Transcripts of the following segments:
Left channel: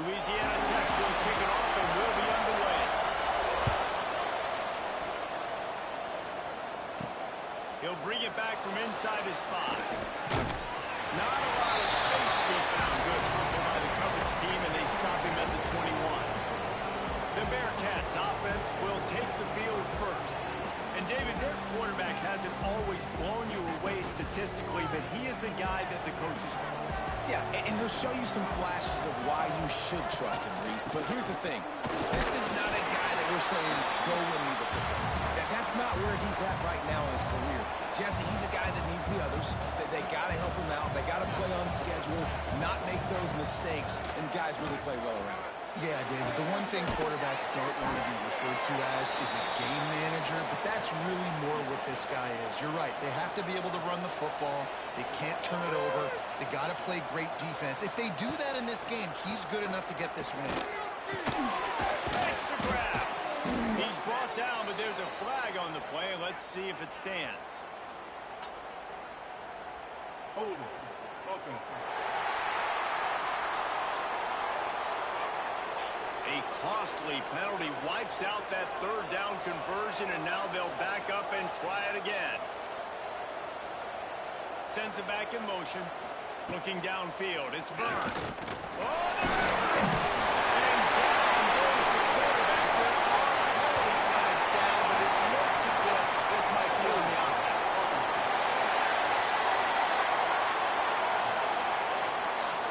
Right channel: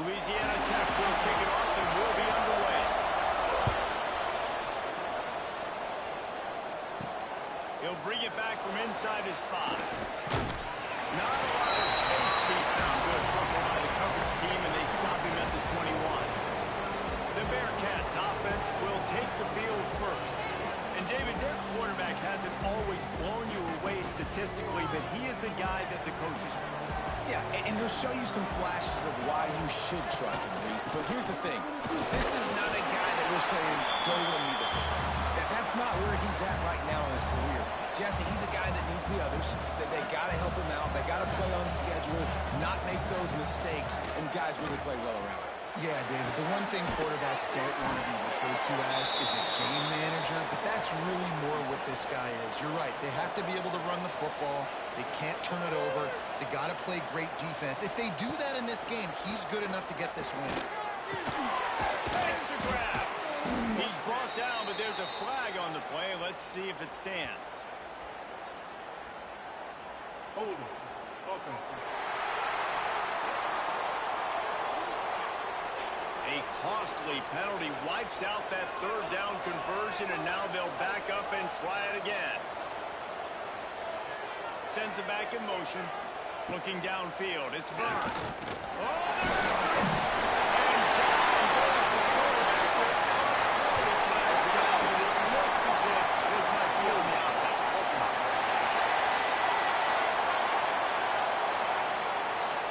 Louisiana Tech will kick it off and will be underway. He'll bring it back from inside his 5. Not a lot of space to be found. Good hustle by the coverage team, and they stop him at the 21. The Bearcats offense will take the field first. And, David, their quarterback hasn't always blown you away statistically, but he is a guy that the coaches trust. Yeah, and he'll show you some flashes of why you should trust him, Reese. But here's the thing. This is not a guy that we're saying, go win me the football. That's not where he's at right now in his career. Jesse, he's a guy that needs the others. They got to help him out. They got to play on schedule, not make those mistakes, and guys really play well around him. Yeah, David, the one thing quarterbacks don't want to be referred to as is a game manager, but that's really more what this guy is. You're right. They have to be able to run the football. They can't turn it over. They got to play great defense. If they do that in this game, he's good enough to get this win. Extra grab. He's brought down, but there's a flag on the play. Let's see if it stands. Hold it. Okay. A costly penalty wipes out that third down conversion, and now they'll back up and try it again. Sends it back in motion. Looking downfield. It's Byrne. Oh, there's a trick. And down goes the quarterback. There are penalty flags down, but it looks as if this might be on the offense.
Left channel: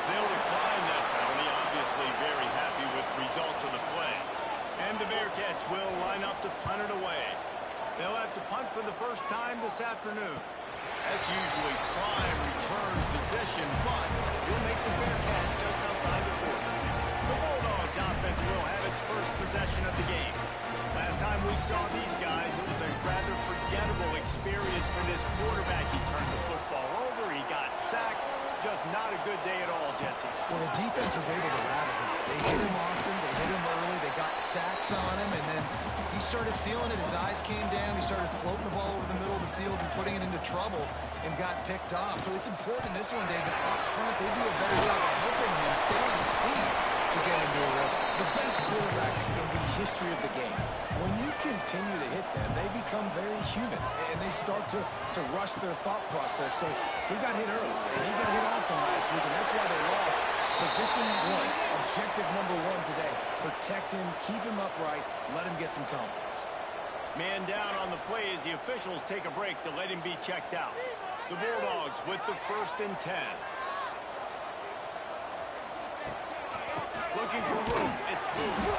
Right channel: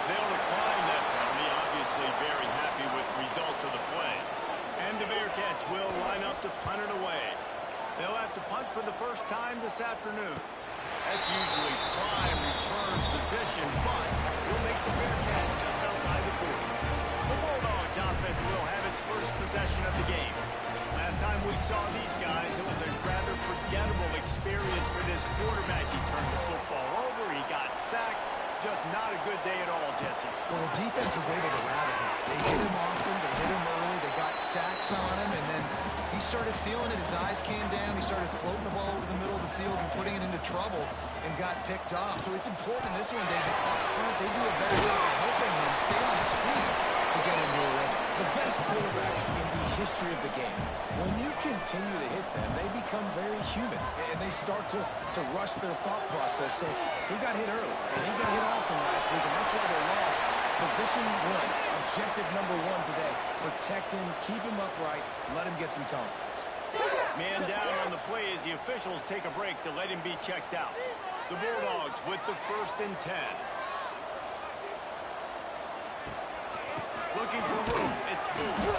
They'll decline that penalty. Obviously very happy with results of the play. And the Bearcats will line up to punt it away. They'll have to punt for the first time this afternoon. That's usually prime return position, but will make the Bearcats just outside the 40. The Bulldogs offense will have its first possession of the game. Last time we saw these guys, it was a rather forgettable experience for this quarterback. He turned the football over, he got sacked. Just not a good day at all, Jesse. Well, the defense was able to rattle him. They hit him often, they hit him early, they got sacks on him, and then he started feeling it. His eyes came down, he started floating the ball over the middle of the field and putting it into trouble and got picked off. So it's important in this one, David, up front, they do a better job of helping him stay on his feet to get into a rhythm. The best quarterbacks in the history of the game, when you continue to hit them, they become very human, and they start to rush their thought process. So he got hit early, and he got hit often last week, and that's why they lost. Position 1, objective number 1 today. Protect him, keep him upright, let him get some confidence. Man down on the play as the officials take a break to let him be checked out. The Bulldogs with the 1st and 10. Looking for room. It's Booth.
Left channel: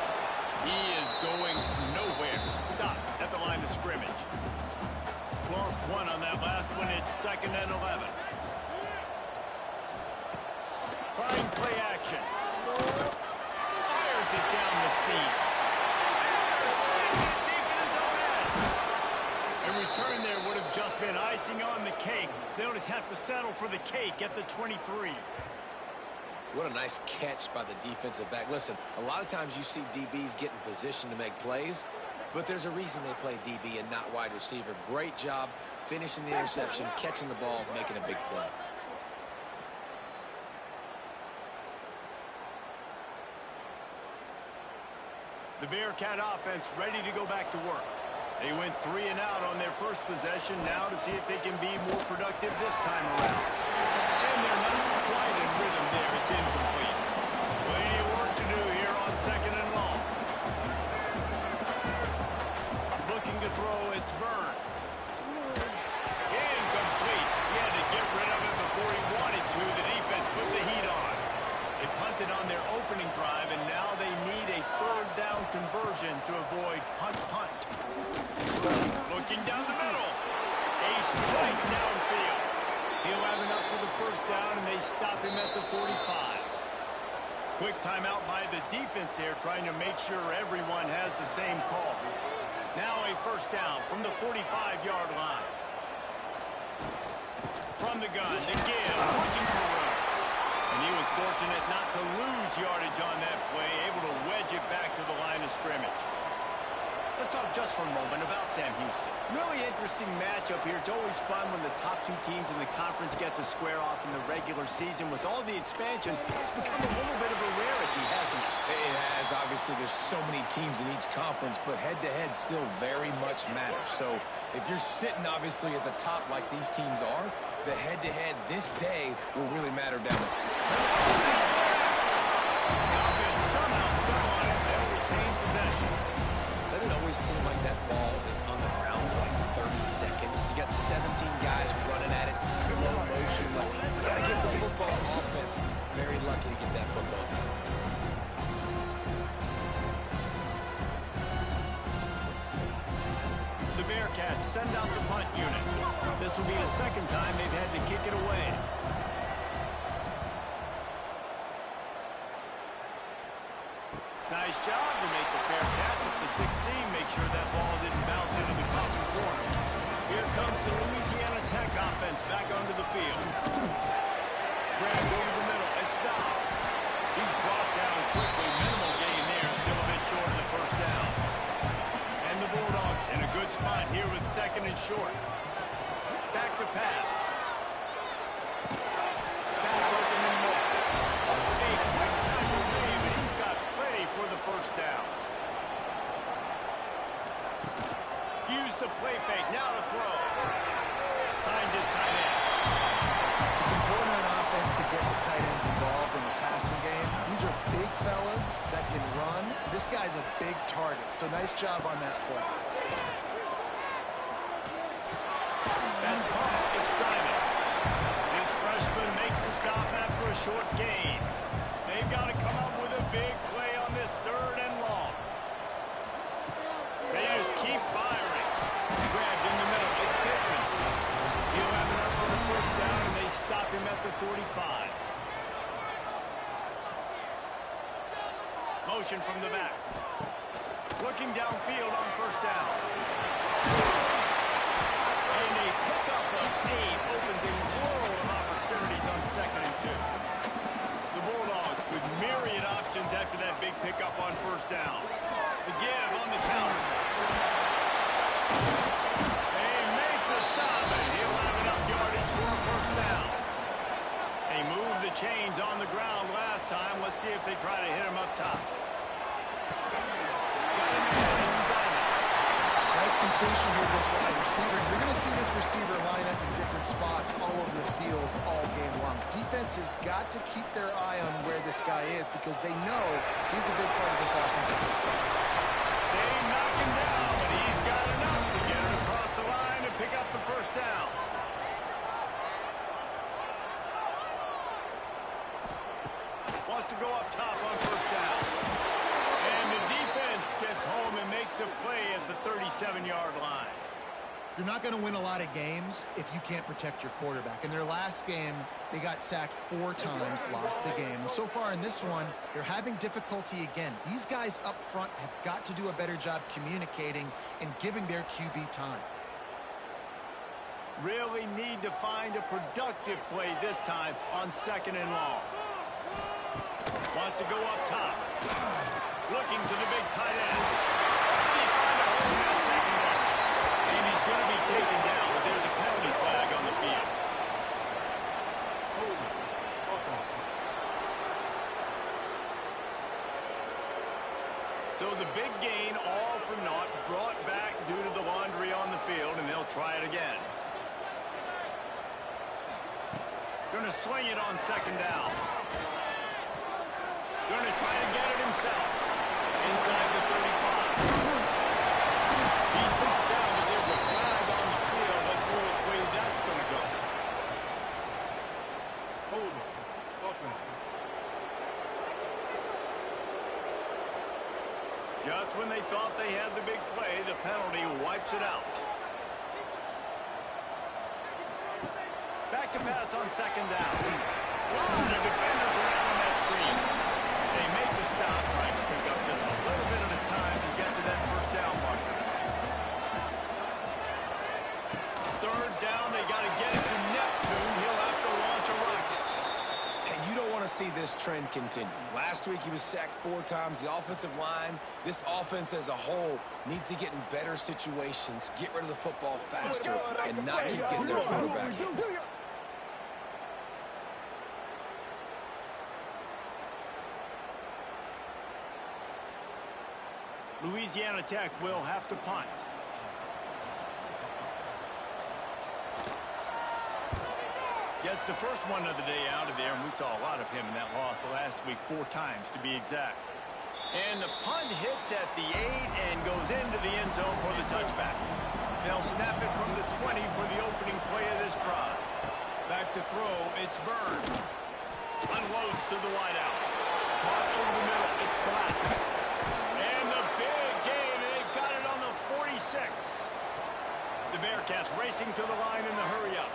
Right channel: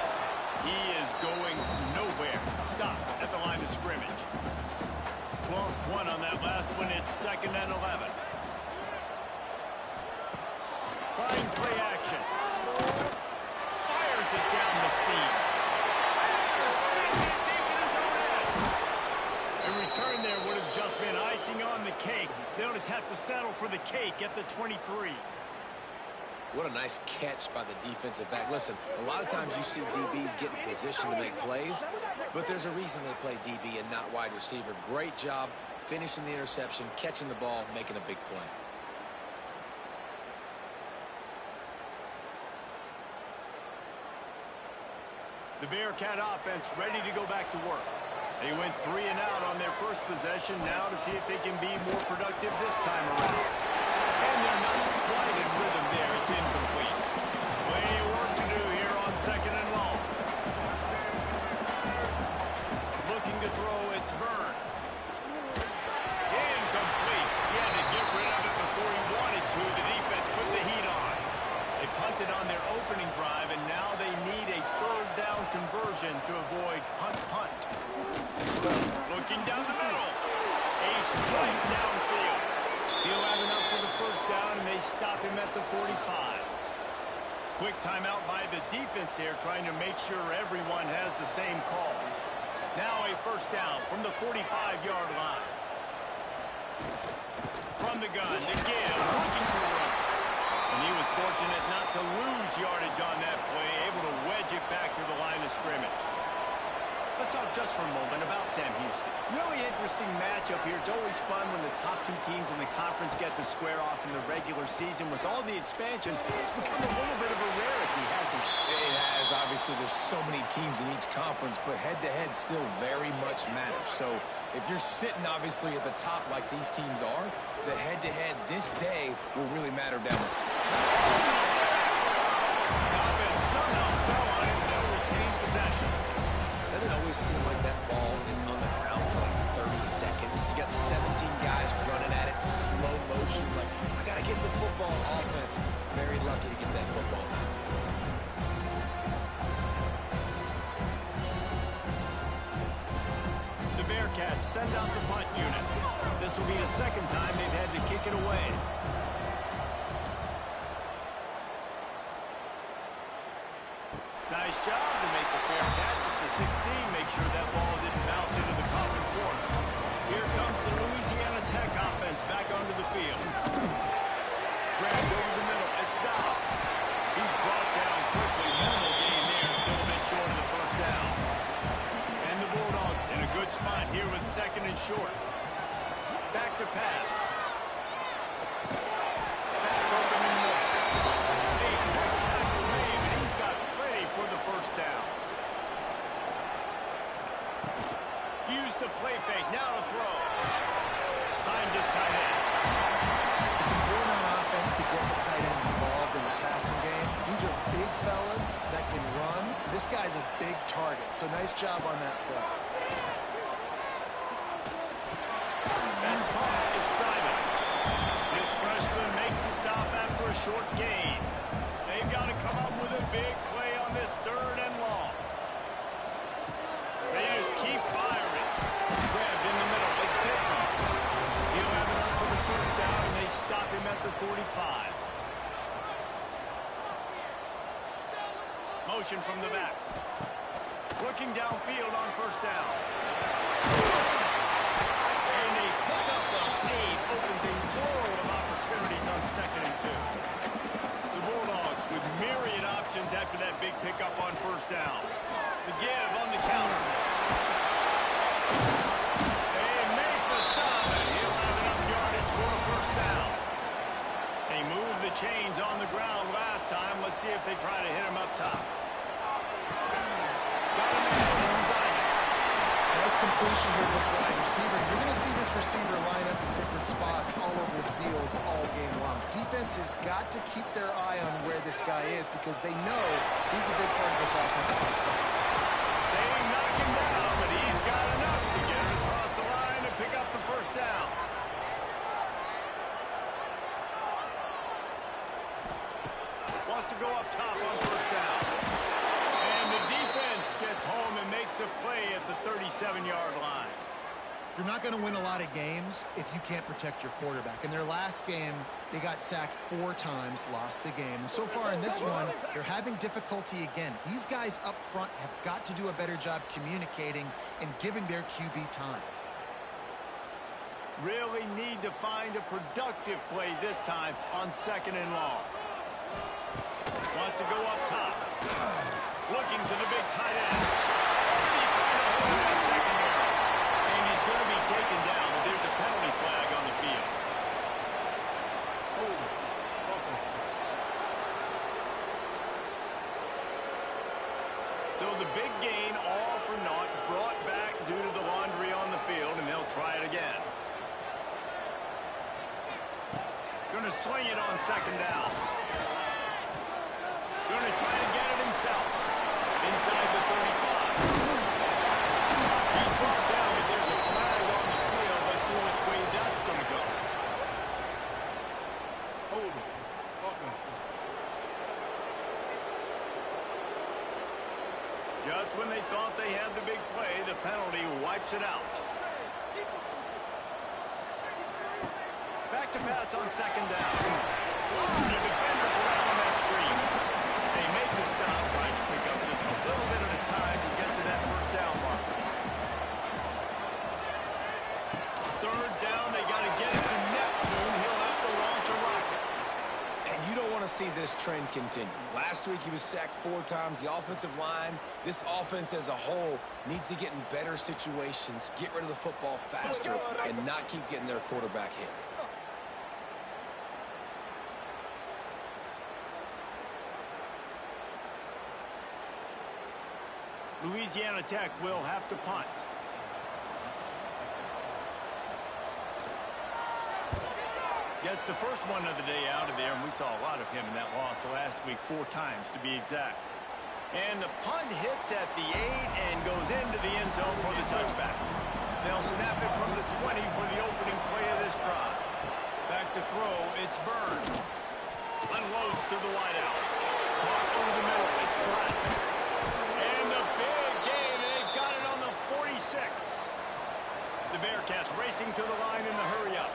He is going nowhere. Stop at the line of scrimmage. Lost 1 on that last one. It's 2nd and 11. Trying play action. Fires it down the seam. Sending it deep in his own end. A return there would have just been icing on the cake. They'll just have to settle for the cake at the 23. What a nice catch by the defensive back. Listen, a lot of times you see DBs get in position to make plays, but there's a reason they play DB and not wide receiver. Great job finishing the interception, catching the ball, making a big play. The Bearcat offense ready to go back to work. They went 3 and out on their first possession, now to see if they can be more productive this time around. And they're not quite in rhythm there. It's incomplete. Plenty of work to do here on 2nd and long. Looking to throw, it's Byrne. Incomplete. He had to get rid of it before he wanted to. The defense put the heat on. They punted on their opening drive, and now they need a 3rd down conversion to avoid punt. Looking down the middle. A strike downfield. He'll have enough for the 1st down, and they stop him at the 45. Quick timeout by the defense there, trying to make sure everyone has the same call. Now a 1st down from the 45-yard line. From the gun, to give, looking for room. And he was fortunate not to lose yardage on that play, able to wedge it back to the line of scrimmage. Let's talk just for a moment about Sam Houston. Really interesting matchup here. It's always fun when the top two teams in the conference get to square off in the regular season. With all the expansion, it's become a little bit of a rarity, hasn't it? It has. Obviously, there's so many teams in each conference, but head-to-head still very much matters. So if you're sitting, obviously, at the top like these teams are, the head-to-head this day will really matter down there. The offense somehow fell on it. They'll retain possession. Doesn't it always seem like that ball is on the ground for like 30 seconds? You got 17 guys running at it, slow motion, like, I got to get the football. Offense, very lucky to get that football back. The Bearcats send out the punt unit. This will be the second time they've had to kick it away. Nice job to make the Bearcats at the 16. Make sure that ball didn't bounce into the coffin corner. Here comes the Louisiana Tech offense back onto the field. Grabbed over the middle. It's Dobb. He's brought down quickly. Minimal gain there. Still a bit short of the first down. And the Bulldogs in a good spot here with second and short. Back to pass. Back open and more. A quick tackle made, but he's got plenty for the first down. Use the play fake. Now to throw. Finds his tight end. It's important on offense to get the tight ends involved in the passing game. These are big fellas that can run. This guy's a big target, so nice job on that play. That's caught. It's Simon. This freshman makes the stop after a short gain. They've got to come up with a big play on this third and long. They just keep firing. Grabbed in the middle. It's Pittman. He'll have it up for the first down, and they stop him at the 45. Motion from the back. Looking downfield on first down. And a pickup of 8 opens a world of opportunities on second and 2. The Bulldogs with myriad options after that big pickup on first down. The give on the counter. They make the stop, and he'll have enough yardage for a first down. They moved the chains on the ground last time. Let's see if they try to hit him up top. Got a man. It's Simon. Nice completion here to this wide receiver. You're going to see this receiver line up in different spots all over the field all game long. Defense has got to keep their eye on where this guy is because they know he's a big part of this offense's success. They knock him down, but he's got enough to get it across the line and pick up the first down. Wants to go up top on first down. And the defense gets home and makes a play at the 37-yard line. You're not going to win a lot of games if you can't protect your quarterback. In their last game, they got sacked 4 times, lost the game. And so far in this one, they're having difficulty again. These guys up front have got to do a better job communicating and giving their QB time. Really need to find a productive play this time on second and long. Wants to go up top. Looking to the big tight end. Or did he find a hole in that secondary? And he's going to be taken down, but there's a penalty flag on the field. Hold it. Offense. So the big gain, all for naught, brought back due to the laundry on the field, and they'll try it again. Going to sling it on second down. Going to try to get it himself. Inside the 35. He's brought down, but there's a flag on the field. Let's see which way that's going to go. Hold it. Offense. Just when they thought they had the big play, the penalty wipes it out. Back to pass on second down. A lot of defenders around on that screen. They make the stop, trying to pick up just a little bit at a time to get to that first down marker. Third down, they got to get it to Neptune. He'll have to launch a rocket. And you don't want to see this trend continue. Last week, he was sacked 4 times. The offensive line, this offense as a whole, needs to get in better situations, get rid of the football faster, and not keep getting their quarterback hit. Louisiana Tech will have to punt. Gets the first one of the day out of there, and we saw a lot of him in that loss last week, 4 times to be exact. And the punt hits at the 8 and goes into the end zone for the touchback. They'll snap it from the 20 for the opening play of this drive. Back to throw, it's Byrne. Unloads to the wideout. Caught over the middle, it's Black. And the big gain, and they've got it on the 46. The Bearcats racing to the line in the hurry up.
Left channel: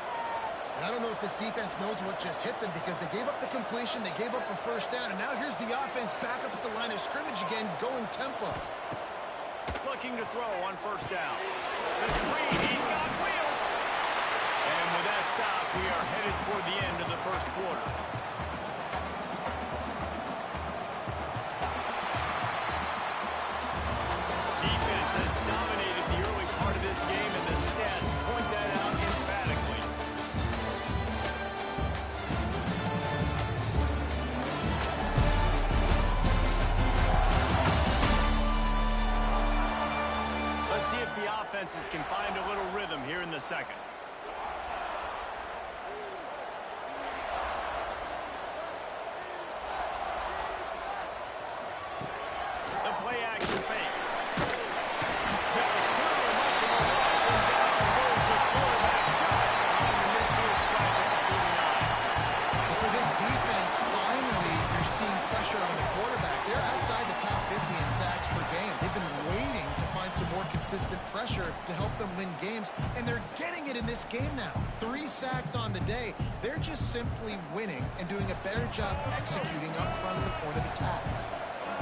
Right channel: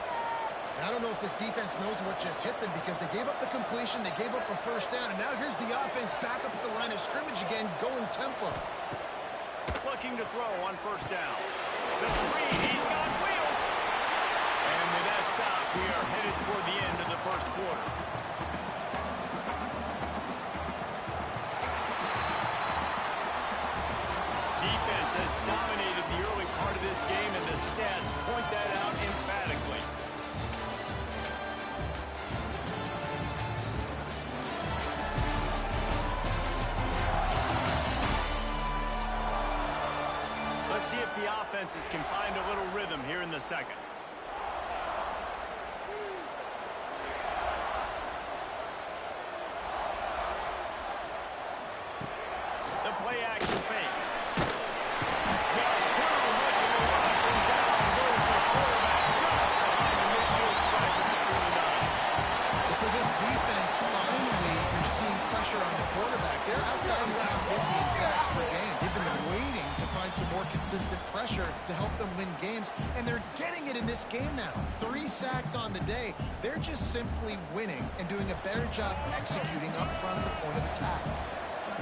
And I don't know if this defense knows what just hit them because they gave up the completion, they gave up a first down, and now here's the offense back up at the line of scrimmage again, going tempo. Looking to throw on first down. The screen, he's got wheels. And with that stop, we are headed toward the end of the first quarter. Defense has dominated the early part of this game, and the stats point that out emphatically. Let's see if the offenses can find a little rhythm here in the second. The play action fake. Just too much of a rush, and down goes the quarterback just behind the midfield stripe at the 49. But for this defense, finally, you're seeing pressure on the quarterback. They're outside the top 50 in sacks per game. They've been waiting to find some more consistent pressure to help them win games, and they're getting it in this game now. 3 sacks on the day. They're just simply winning and doing a better job executing up front of the point of attack.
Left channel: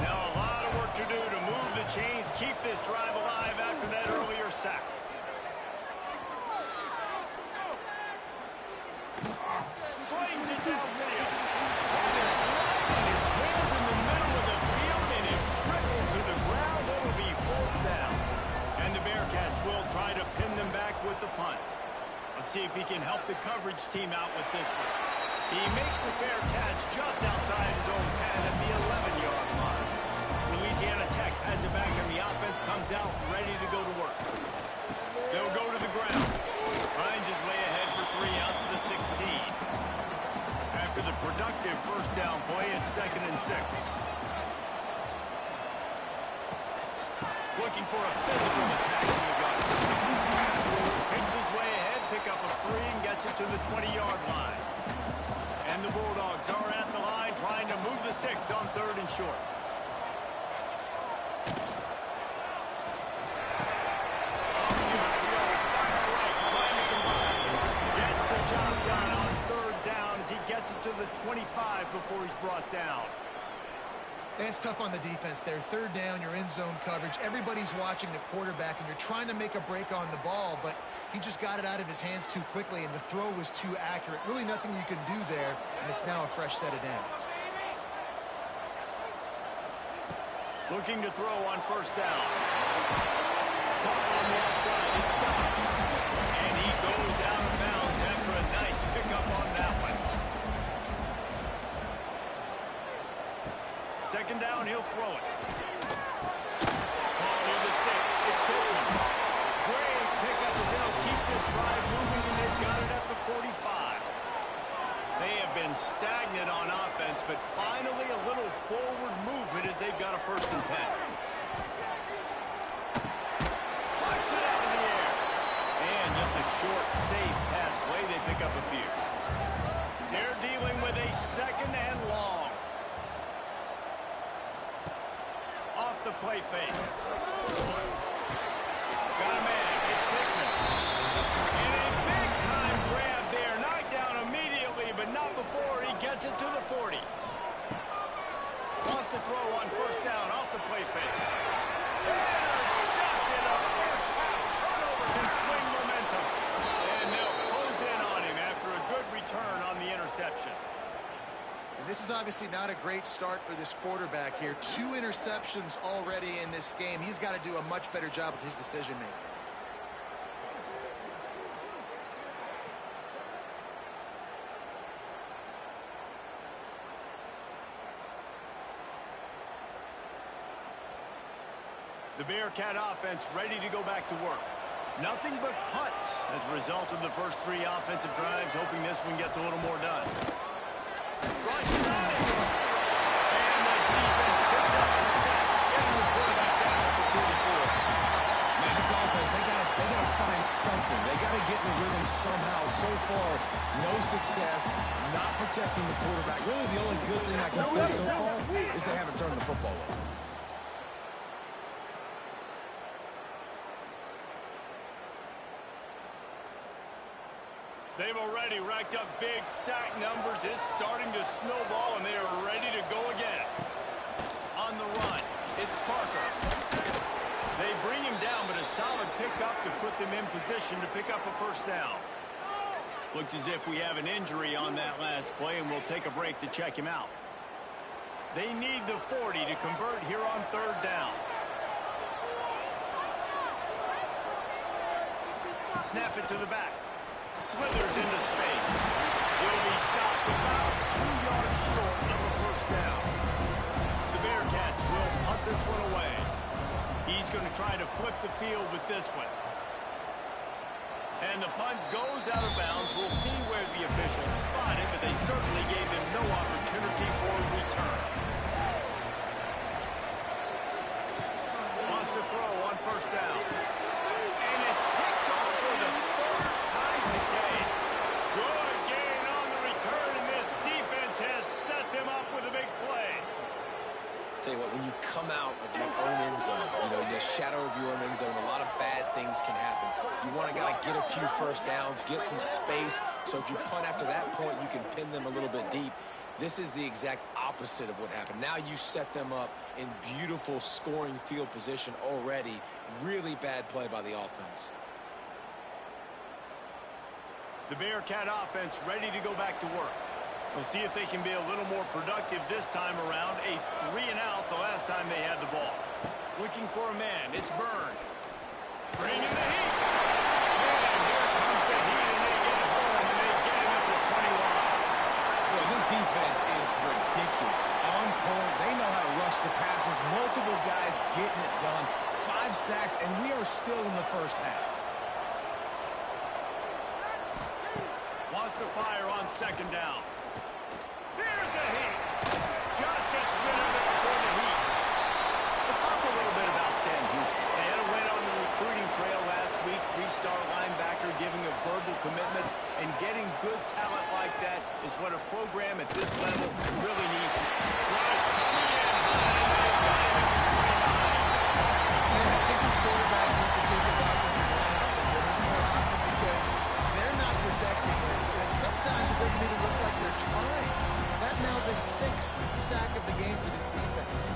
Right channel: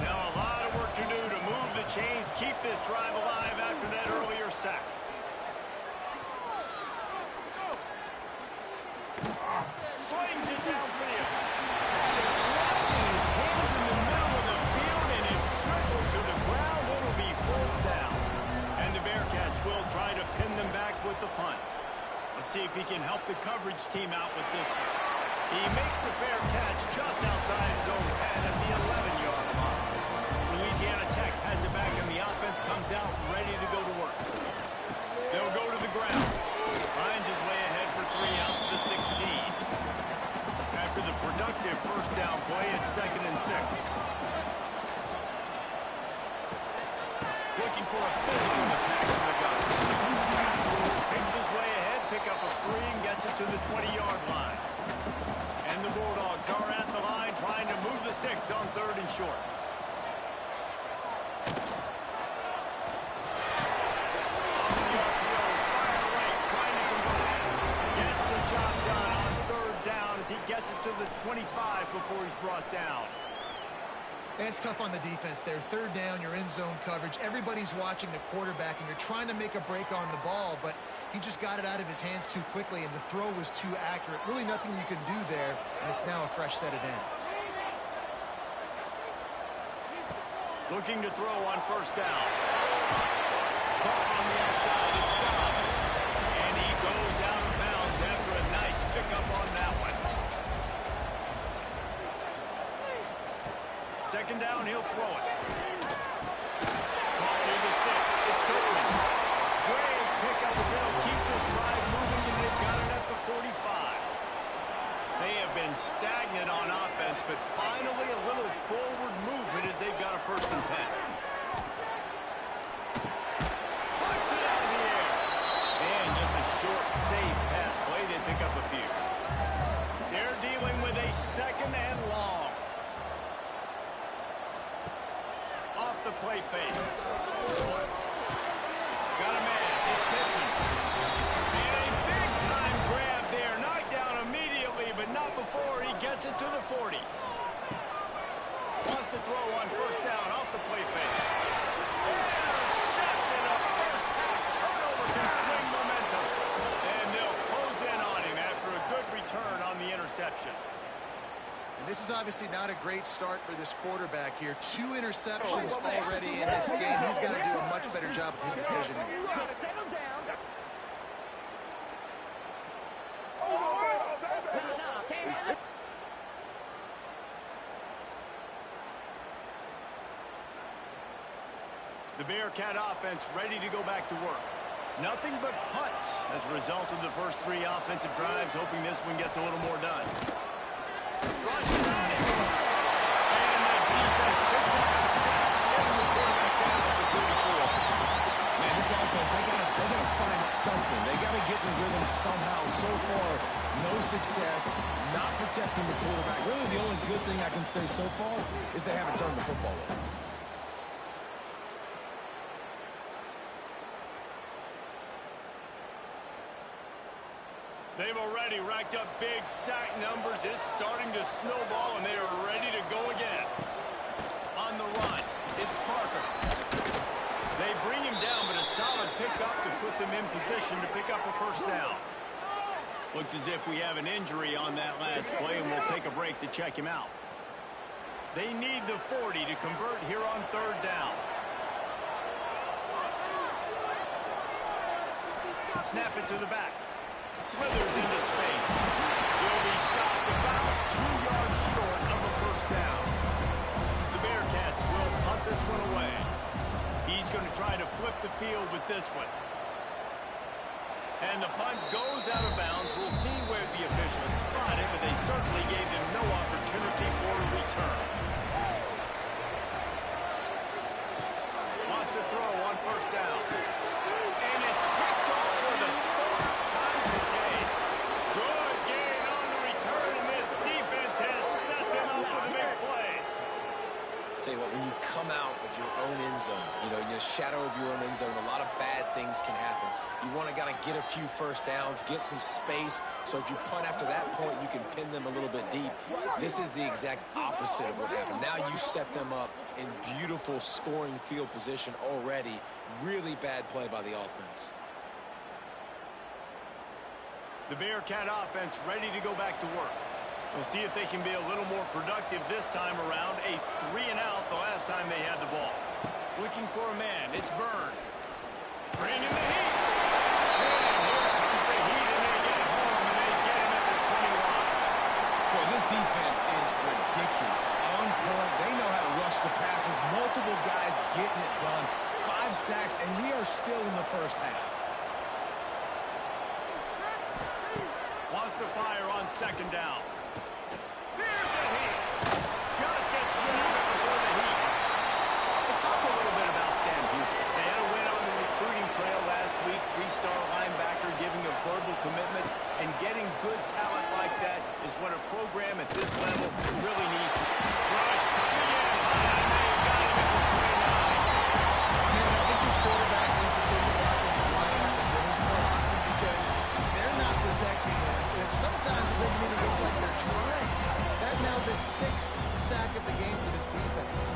Now a lot of work to do to move the chains, keep this drive alive after that earlier sack. Slings it downfield. Had it right in his hands in the middle of the field, and it trickled to the ground. It'll be 4th down. And the Bearcats will try to pin them back with the punt. Let's see if he can help the coverage team out with this one. He makes the fair catch just outside his own 10 at the 11-yard line. Louisiana Tech has it back, and the offense comes out ready to go to work. They'll go to the ground. Finds his way ahead for 3 out to the 16. After the productive first down play, it's 2nd and 6. Looking for a physical attack from the gun. Picks his way ahead, pick up a 3, and gets it to the 20-yard line. And the Bulldogs are at the line trying to move the sticks on 3rd and short. Off the upfield, fire right, trying to convert. Gets the job done on 3rd down as he gets it to the 25 before he's brought down. It's tough on the defense there. 3rd down, you're in zone coverage. Everybody's watching the quarterback, and you're trying to make a break on the ball, but he just got it out of his hands too quickly, and the throw was too accurate. Really nothing you can do there, and it's now a fresh set of downs. Looking to throw on first down. Caught on the outside, it's Dobbs. And he goes out of bounds after a nice pickup on that one. 2nd down, he'll throw it. Caught near the sticks. It's Pittman. Great pickup as they'll keep this drive moving, and they've got it at the 45. They have been stagnant on offense, but finally a little forward movement as they've got a 1st and 10. Puts it out of the air. And just a short, safe pass play. They pick up a few. They're dealing with a 2nd and long. Off the play fake. Got a man. It's Pittman. And a big-time grab there. Knocked down immediately, but not before he gets it to the 40. Wants to throw on first down off the play fake. Intercepted. A first-half turnover can swing momentum. And they'll close in on him after a good return on the interception. And this is obviously not a great start for this quarterback here. 2 interceptions already in this game. He's got to do a much better job with his decision-making. The Bearcat offense ready to go back to work. Nothing but punts as a result of the first 3 offensive drives, hoping this one gets a little more done. Rushes on it. And the defense picks up a sack, getting the quarterback down at the 44. Man, this offense, they gotta find something. They gotta get in a rhythm somehow. So far, no success, not protecting the quarterback. Really, the only good thing I can say so far is they haven't turned the football over. They've already racked up big sack numbers. It's starting to snowball, and they are ready to go again. On the run, it's Parker. They bring him down, but a solid pickup to put them in position to pick up a first down. Looks as if we have an injury on that last play, and we'll take a break to check him out. They need the 40 to convert here on 3rd down. Snap it to the back. Slithers into space. He'll be stopped about 2 yards short of a first down. The Bearcats will punt this one away. He's going to try to flip the field with this one. And the punt goes out of bounds. We'll see where the officials spot it, but they certainly gave them no opportunity for a return. Wants to throw on first down. And it's picked off for the 3rd time today. Good gain on the return, and this defense has set them up with a big play. Tell you what, when you come out of your own end zone, in the shadow of your own end zone, a lot of bad things can happen. You want to get a few first downs, get some space, so if you punt after that point, you can pin them a little bit deep. This is the exact opposite of what happened. Now you set them up in beautiful scoring field position already. Really bad play by the offense. The Bearcat offense ready to go back to work. We'll see if they can be a little more productive this time around. A 3-and-out the last time they had the ball. Looking for a man. It's Byrne. Bringing the heat. And here comes the heat, and they get home, and they get him at the 21. Boy, this defense is ridiculous. On point. They know how to rush the passers. Multiple guys getting it done. 5 sacks, and we are still in the first half. Wants to fire on 2nd down. Here's the heat. Just gets rid of it before the heat. Let's talk a little bit about Sam Houston. They had a win on the recruiting trail last week. 3-star linebacker giving a verbal commitment, and getting good talent like that is what a program at this level really needs to. Rush coming in high, and they got him at the 29. Man, I think this quarterback needs to take his offensive line off the dinners more often because they're not protecting him. And sometimes it doesn't even look like they're trying. That's now the 6th sack of the game for this defense.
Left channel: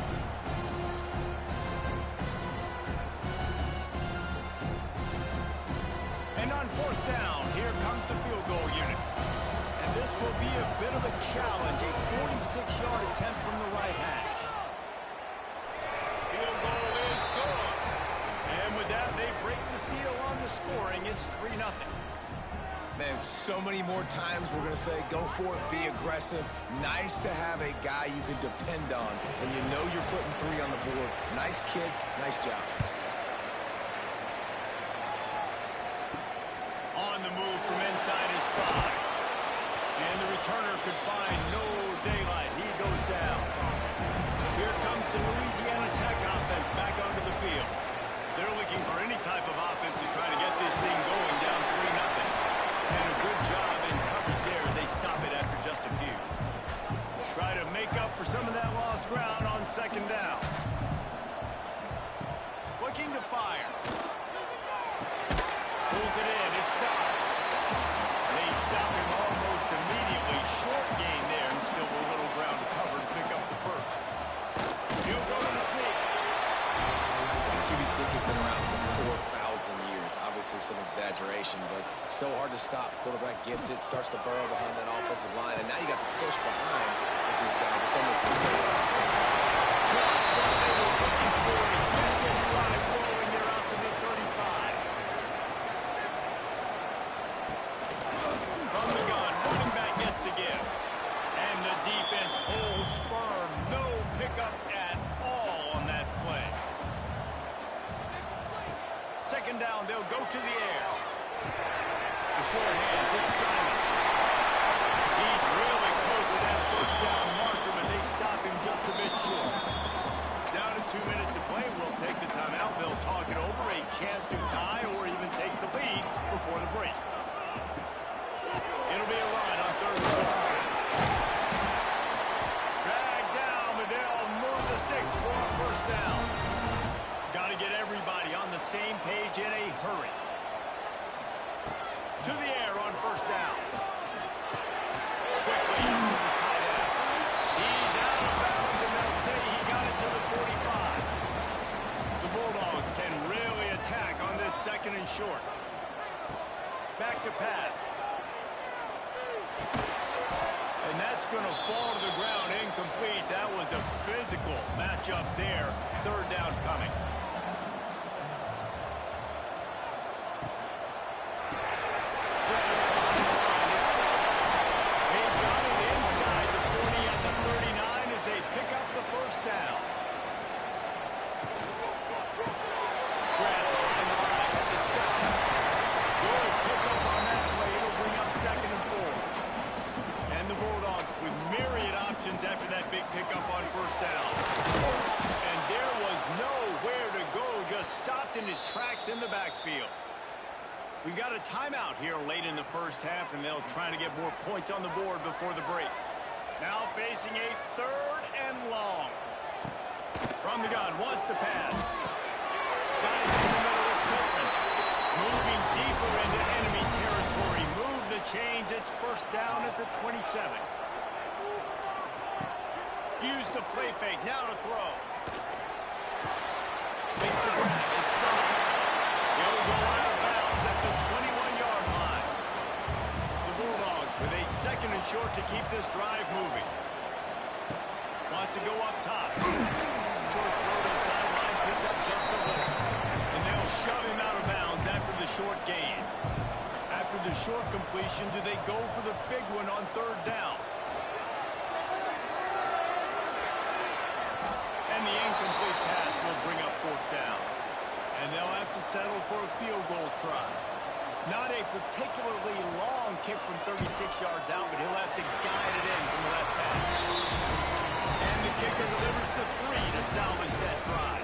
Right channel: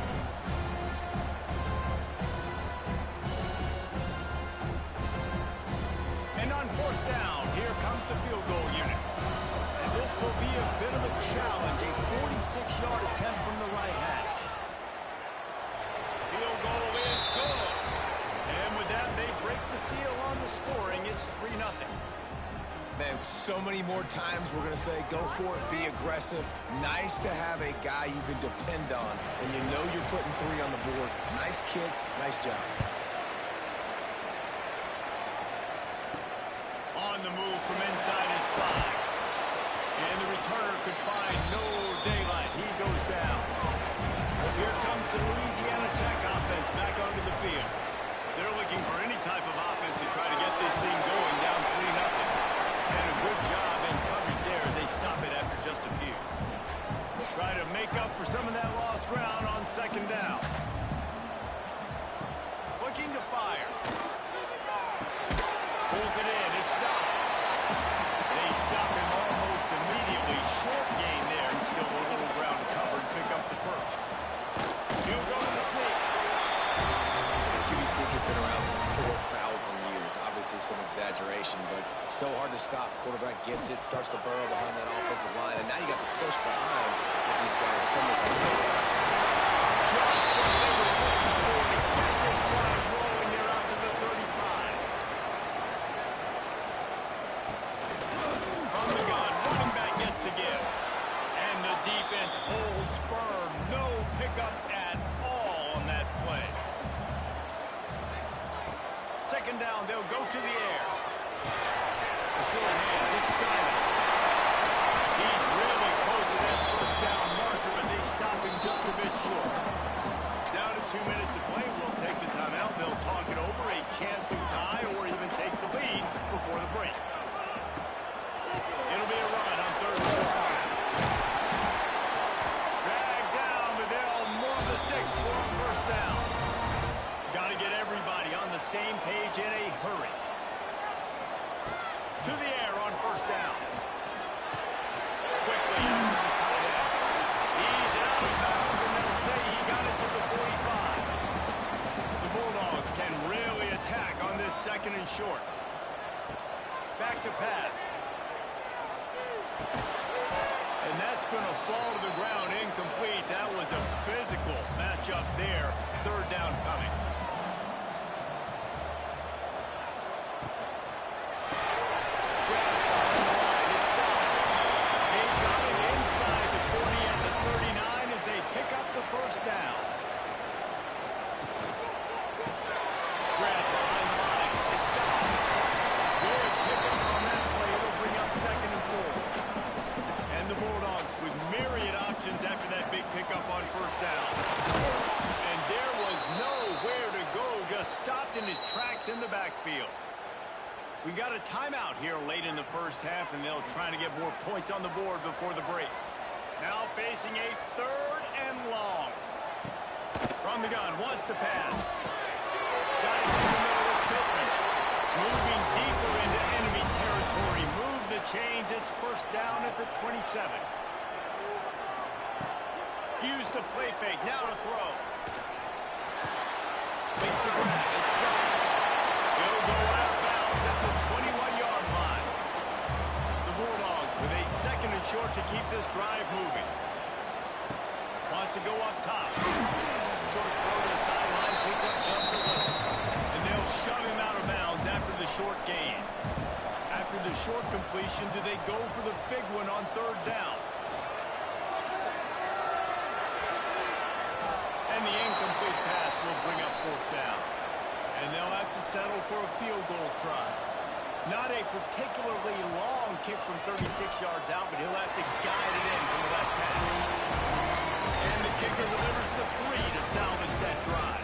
And on 4th down, here comes the field goal unit. And this will be a bit of a challenge, a 46-yard attempt from the right hash. Field goal is good. And with that, they break the seal on the scoring. It's 3-0. Man, so many more times we're going to say, go for it, be aggressive. Nice to have a guy you can depend on, and you know you're putting 3 on the board. Nice kick, nice job. On the move from inside his 5. And the returner could find no daylight. He goes down. Here comes the Louisiana Tech offense back onto the field. They're looking for any type of offense to try to get this thing going down 3-0. And a good job in coverage there as they stop it after just a few. Try to make up for some of that lost ground on 2nd down. Looking to fire. Pulls it in. It's Dobbs. They stop him almost immediately. Short gain there, and still a little ground to cover to pick up the first. He'll go to the sneak. The QB sneak has been around for 4,000 years. Obviously some exaggeration, but so hard to stop. Quarterback gets it, starts to burrow behind that offensive line, and now you got the push behind. The these guys. It's almost defenseless. Just what they were looking for to get this drive rolling. They're out to the 35. From the gun, running back gets to give. And the defense holds firm. No pickup at all on that play. Second down, they'll go to the air. The short hands, it's Simon. He's really close to that first down marker, but they stop him just a bit short. Down to 2 minutes to play. We'll take the timeout. They'll talk it over. A chance to tie or even take the lead before the break. It'll be a run on third and short. Drag down, but they'll move the sticks for a first down. Got to get everybody on the same page in a hurry. To the air on first down. Quickly out to the tight end. He's out of bounds, and they'll say he got it to the 45. The Bulldogs can really attack on this second and short. Back to pass. And that's going to fall to the ground incomplete. That was a physical matchup there. Third down coming. They pick up the first down. Grab behind the line. It's down. Good pickup on that play. It'll bring up second and 4. And the Bulldogs with myriad options after that big pickup on first down. And there was nowhere to go. Just stopped in his tracks in the backfield. We got a timeout here late in the first half, and they'll try to get more points on the board before the break. Now facing a third and long. From the gun, wants to pass. Got it in the middle, it's Pittman. Moving deeper into enemy territory. Move the chains, it's first down at the 27. Use the play fake, now to throw. Makes the grab, it's gone. He'll go out of bounds at the 21-yard line. The Bulldogs with a second and short to keep this drive moving. Wants to go up top. Short throw to the sideline, picks up just a little. And they'll shove him out of bounds after the short gain. After the short completion, do they go for the big one on third down? And the incomplete pass will bring up fourth down. And they'll have to settle for a field goal try. Not a particularly long kick from 36 yards out, but he'll have to guide it in from the left hash. And the kicker delivers the 3 to salvage that drive.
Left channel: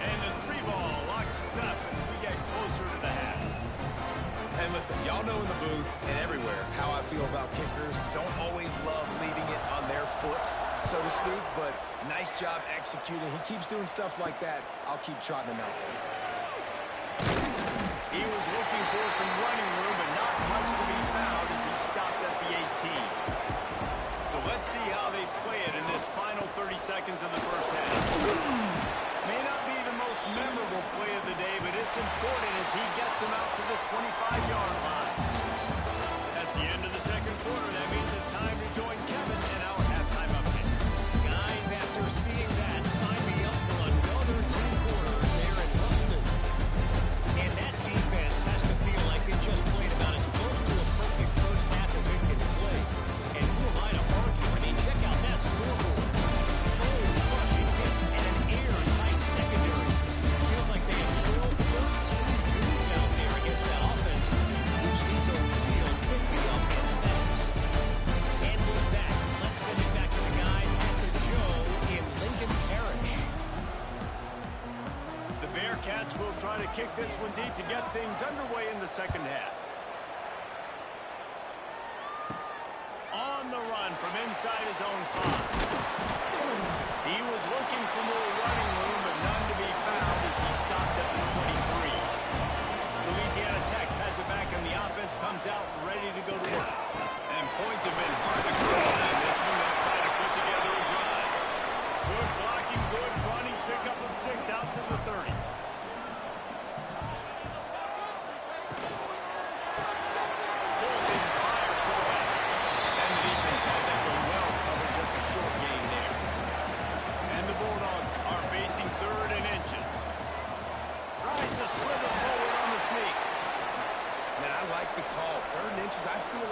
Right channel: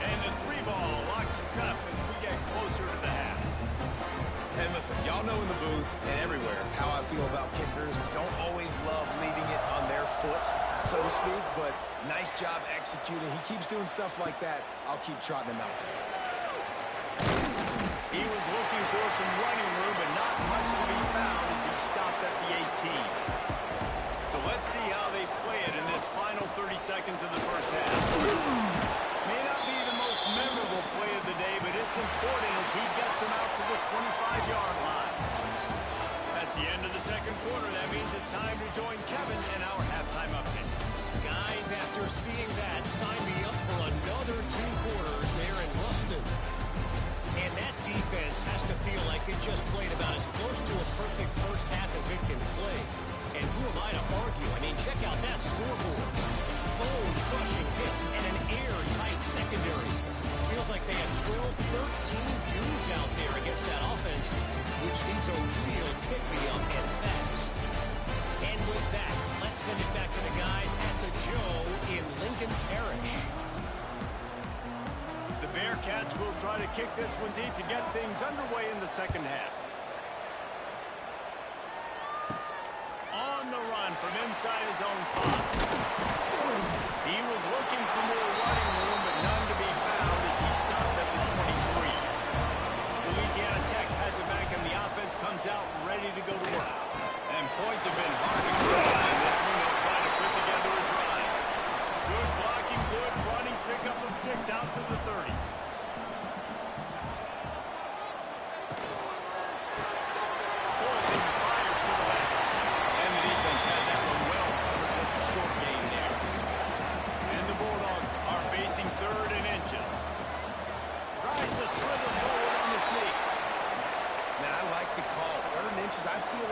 And the 3 ball locks us up as we get closer to the half. And listen, y'all know in the booth and everywhere how I feel about kickers. Don't always love leaving it on their foot, so to speak, but nice job executing. He keeps doing stuff like that. I'll keep trotting him out there. He was looking for some running room, but not much to be found as he stopped at the 18. So let's see how they play it in this final 30 seconds of the first half. May not be the most memorable play of the day, but it's important as he gets them out to the 25-yard line. That's the end of the second quarter. That means it's time to join Kevin in our halftime update. Guys, after seeing that, sign me up for another 2 quarters there in Ruston. And that defense has to feel like it just played about as close to a perfect first half as it can play. And who am I to argue? I mean, check out that scoreboard. Bone-crushing hits and an airtight secondary. Feels like they have 12, 13 dudes out there against that offense, which needs a real pick-me-up and fast. And with that, let's send it back to the guys at the Joe in Lincoln Parish. The Bearcats will try to kick this one deep to get things underway in the second half. On the run from inside his own 5. He was looking for more running room, but none to be found as he stopped at the 23. Louisiana Tech has it back, and the offense comes out ready to go to work. And points have been hard to come by in this one. They'll try to put together a drive. Good blocking, good running, pickup of 6 out to the 30. Pulls him, fires to the left. And the defense had that one well covered just a short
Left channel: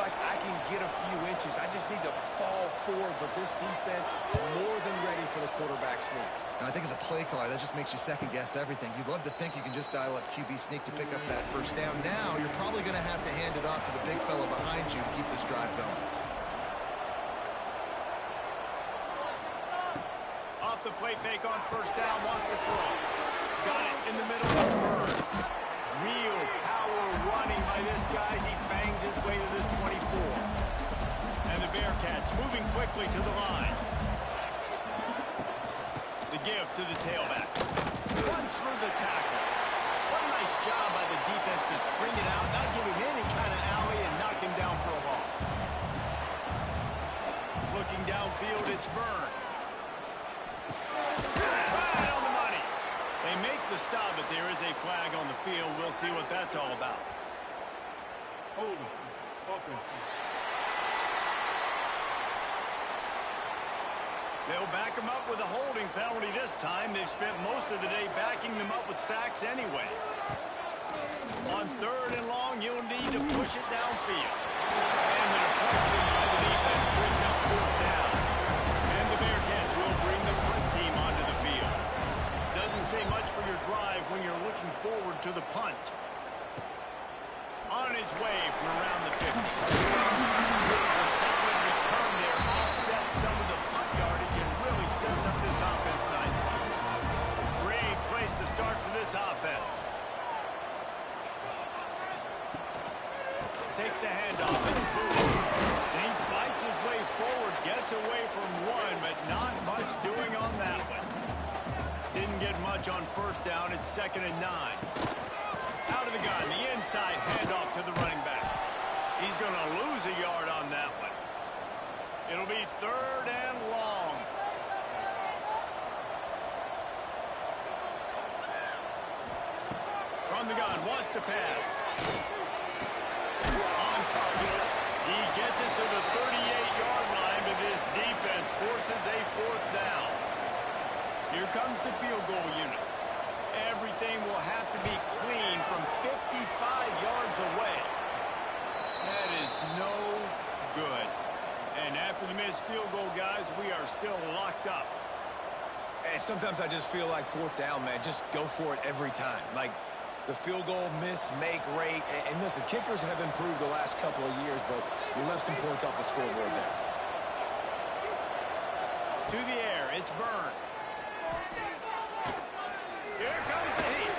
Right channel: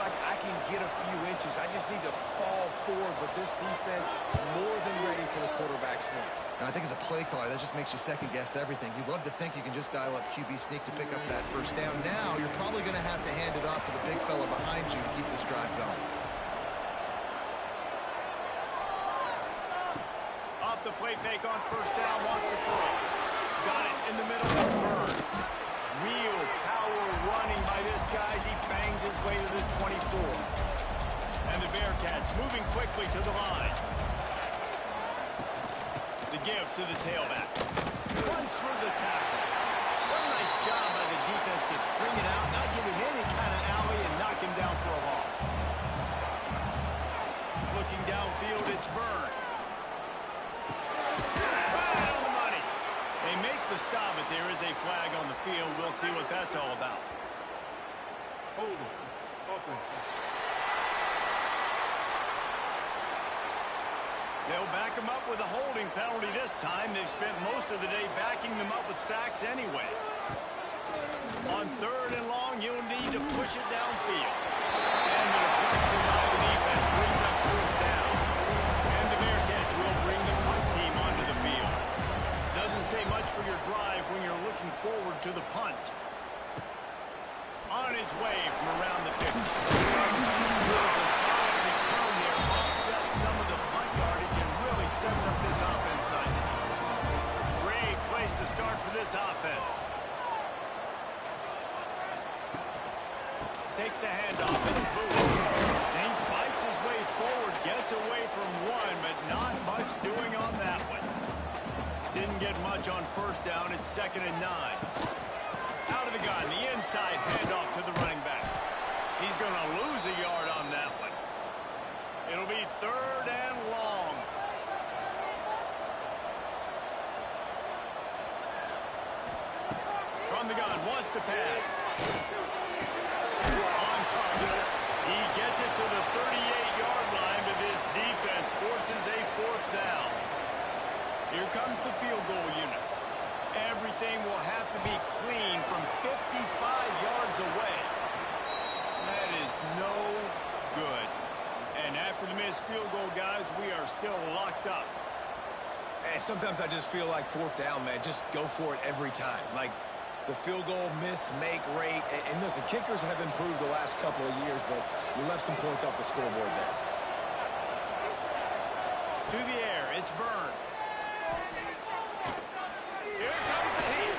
like I can get a few inches. I just need to fall forward, but this defense more than ready for the quarterback sneak. I think as a play caller, that just makes you second-guess everything. You'd love to think you can just dial up QB sneak to pick up that first down. Now, you're probably going to have to hand it off to the big fella behind you to keep this drive going. Off the play fake on first down, wants to throw. Got it in the middle, it's Burns. Real power running by this guy as he bangs his way to the 24. And the Bearcats moving quickly to the line. The give to the tailback. Runs through the tackle. What a nice job by the defense to string it out, not give him any kind of alley, and knock him down for a loss. Looking downfield, it's Burns. Right on the money. They make the stop, but there is a flag on the field. We'll see what that's all about. Hold him. Offense. They'll back them up with a holding penalty this time. They've spent most of the day backing them up with sacks anyway. On third and long, you'll need to push it downfield. And the deflection by the defense brings up fourth down. And the Bearcats will bring the punt team onto the field. Doesn't say much for your drive when you're looking forward to the punt. On his way from around the 50. The solid return there offsets some of the punt yardage and really sets up this offense nicely. Great place to start for this offense. Takes the handoff. It's Booth. And he fights his way forward, gets away from one, but not much doing on that one. Didn't get much on first down. It's 2nd and 9. Out of the gun, the inside handoff to the running back. He's going to lose a yard on that one. It'll be 3rd and long. From the gun, wants to pass. On target. He gets it to the 38-yard line, but this defense forces a 4th down. Here comes the field goal unit. Everything will have to be clean from 55 yards away. That is no good. And after the missed field goal, guys, we are still locked up. And sometimes I just feel like 4th down, man. Just go for it every time. Like the field goal miss-make rate. And listen, kickers have improved the last couple of years, but you left some points off the scoreboard there. To the air, it's Burns. Here comes the heat.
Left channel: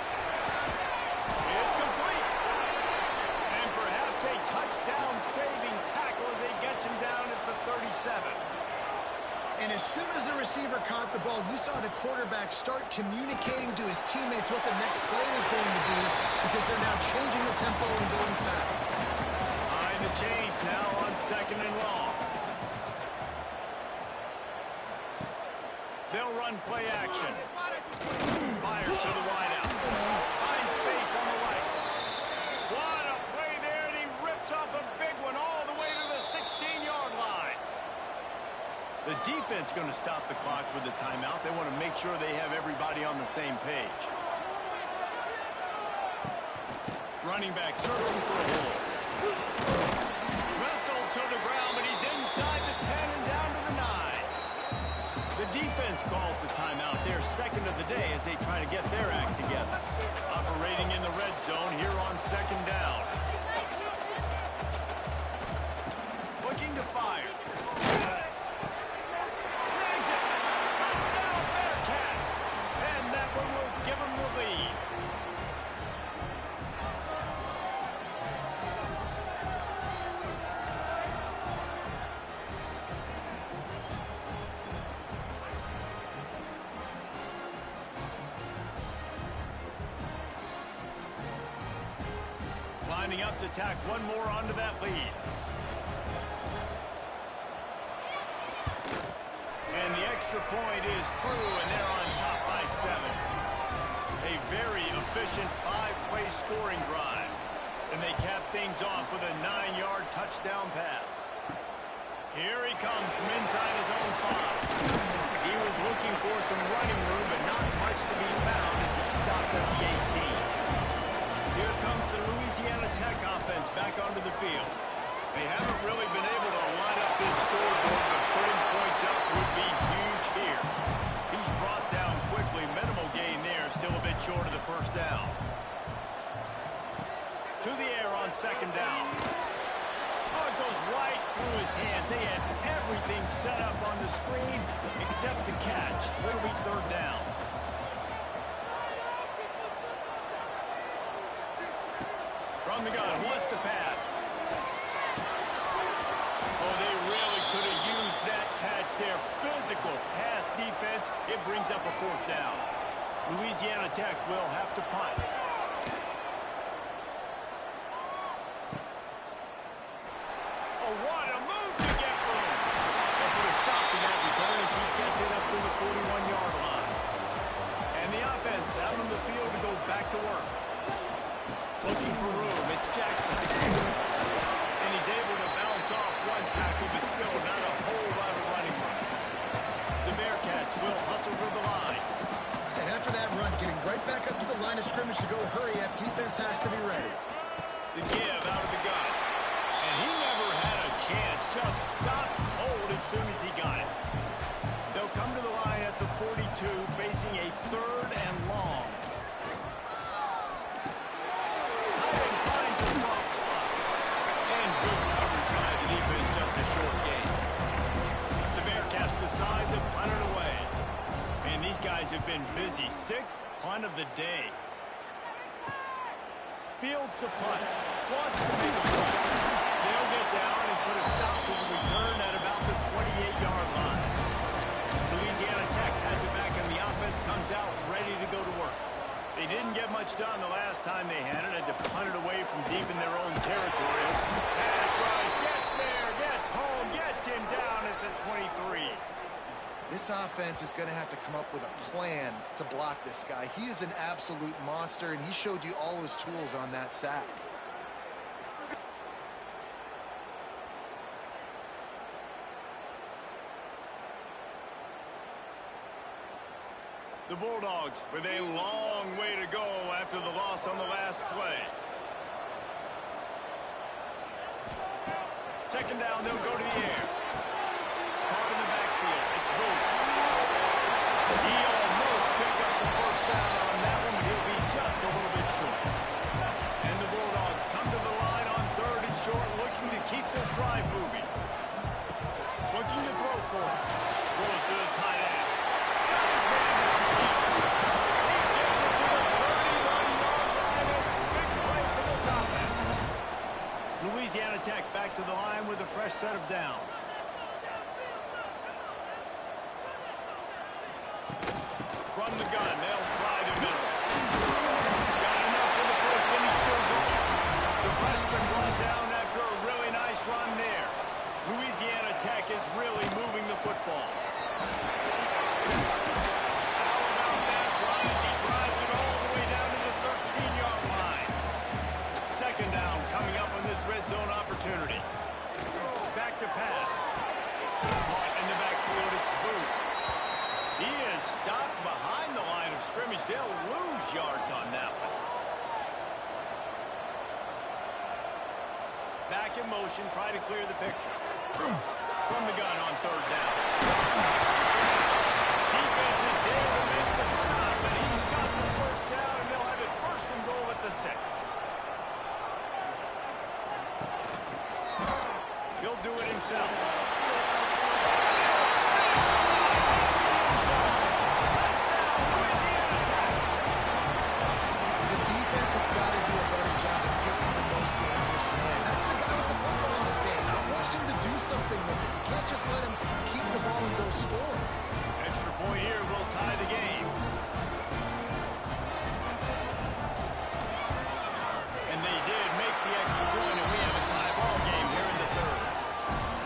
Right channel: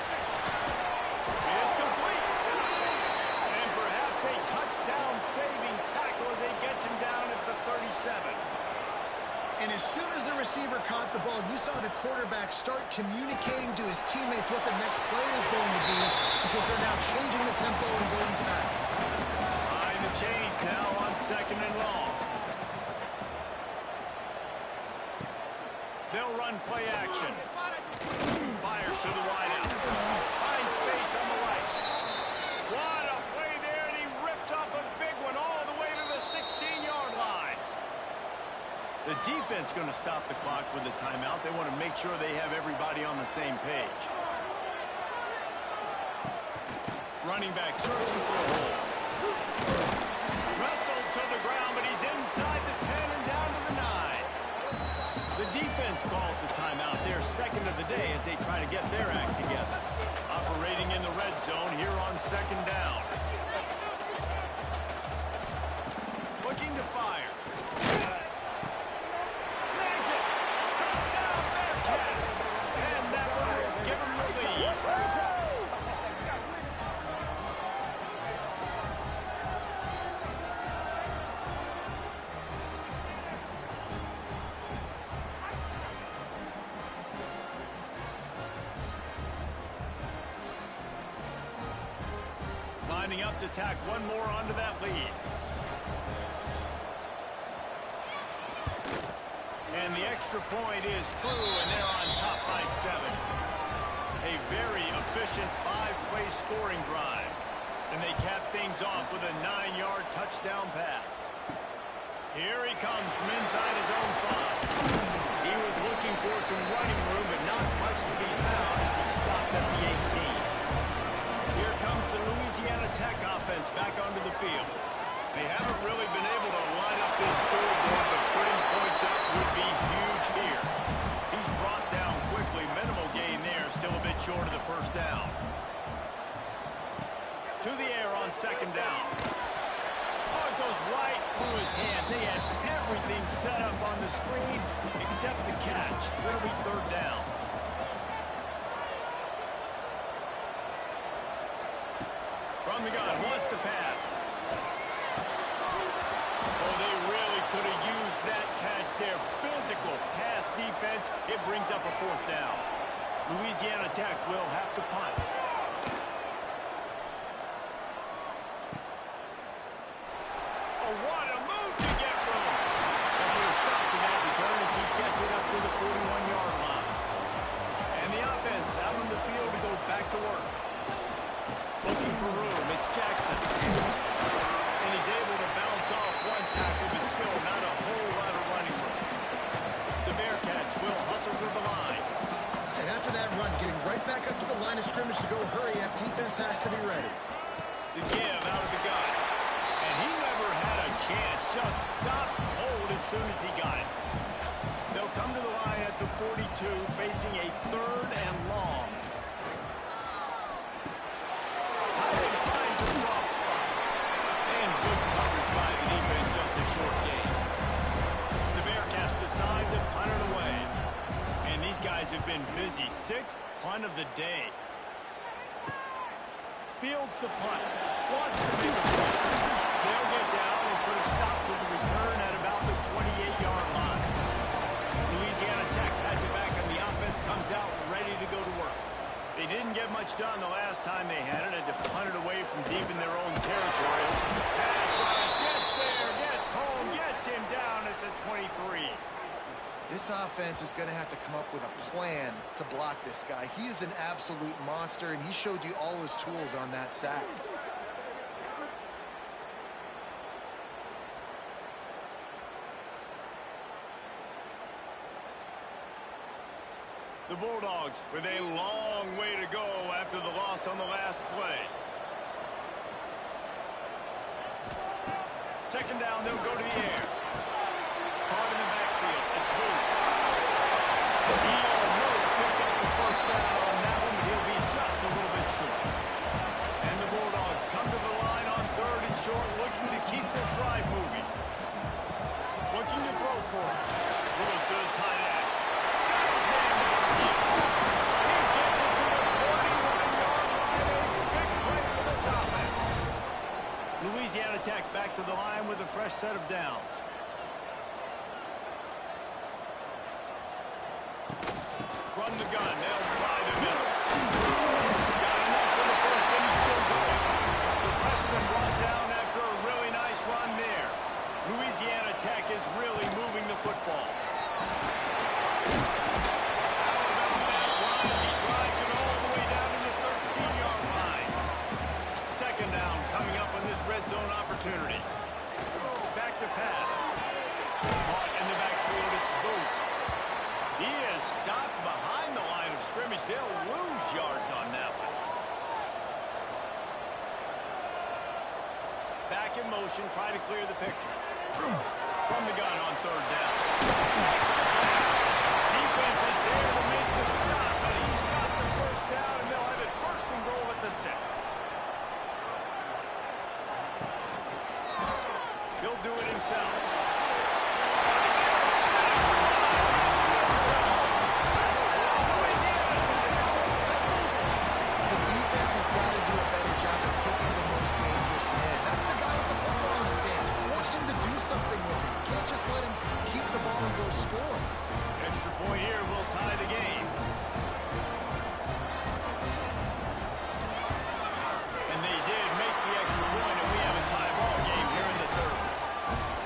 It's complete. And perhaps a touchdown-saving tackle as he gets him down at the 37. And as soon as the receiver caught the ball, you saw the quarterback start communicating to his teammates what the next play was going to be because they're now changing the tempo and going fast. Behind the chains now on 2nd and long. They'll run play action. Fires to the wideout. Finds space on the right. What a play there, and he rips off a big one all the way to the 16-yard line. The defense going to stop the clock with the timeout. They want to make sure they have everybody on the same page. Running back searching for a hole. Wrestled to the ground, but he's inside the 10 and down to the 9. The defense calls the timeout. They're 2nd of the day as they try to get their act together. Operating in the red zone here on 2nd down. Looking to fire. Snags it. Touchdown, Bearcats. And that one will give them the lead. Lining up to tack one more onto that lead. And the extra point is true, and they're on top by 7. A very efficient 5-play scoring drive. And they cap things off with a 9-yard touchdown pass. Here he comes from inside his own 5. He was looking for some running room, but not much to be found as he stopped at the 18. Here comes the Louisiana Tech offense back onto the field. They haven't really been able to line up this scoreboard, but putting points up would be huge here. He's brought down quickly. Minimal gain there. Still a bit short of the first down. To the air on second down. Oh, it goes right through his hands. They had everything set up on the screen except the catch. It'll be third down. From the gun, wants to pass. Oh, they really could have used that catch there. Physical pass defense. It brings up a fourth down. Louisiana Tech will have to punt. Oh, what a move to get room. They'll put a stop to that return as he gets it up to the 41-yard line. And the offense out on the field to go back to work. Looking for room. It's Jackson. And he's able to bounce off one tackle, but still not a whole lot of running room. The Bearcats will hustle to the line. And after that run, getting right back up to the line of scrimmage to go hurry up, defense has to be ready. The give out of the gun. And he never had a chance. Just stopped cold as soon as he got it. They'll come to the line at the 42, facing a third and long. Tight end finds a soft spot. And good coverage by the defense, just a short gain. The Bearcats decide to punt it away. And these guys have been busy. Sixth punt of the day. Fields the punt. Wants to make a punt. They'll get down and put a stop to the return at about the 28-yard line. Louisiana Tech has it back, and the offense comes out ready to go to work. They didn't get much done the last time they had it. Had to punt it away from deep in their own territory. Pass rush, gets there, gets home, gets him down at the 23. This offense is going to have to come up with a plan to block this guy. He is an absolute monster, and he showed you all his tools on that sack. The Bulldogs with a long way to go after the loss on the last play. Second down, they'll go to the air. Caught in the backfield. It's Booth. He almost picked up the first down on that one, but he'll be just a little bit short. And the Bulldogs come to the line on third and short, looking to keep this drive moving. Looking to throw for it. Throws to the tight end. Got his man downfield. He gets it to the 31-yard line. A big play for this offense. Louisiana Tech back to the line with a fresh set of downs. From the gun, they'll try the middle. Got enough for the first, and he's still going. The freshman brought down after a really nice run there. Louisiana Tech is really moving the football. How about that run as he drives it all the way down to the 13-yard line? Second down coming up on this red zone opportunity. Back to pass. Caught in the backfield, it's Booth. He is stopped behind the line of scrimmage. They'll lose yards on that one. Back in motion, try to clear the picture. From the gun on third down. Extra grab. Defense is there to make the stop, and he's got the first down, and they'll have it first and goal at the 6. He'll do it himself. Has got to do a better job of taking the most dangerous man. That's the guy with the football in his hands. Force him to do something with it. You can't just let him keep the ball and go score. Extra point here will tie the game. And they did make the extra point, and we have a tie ball game here in the third.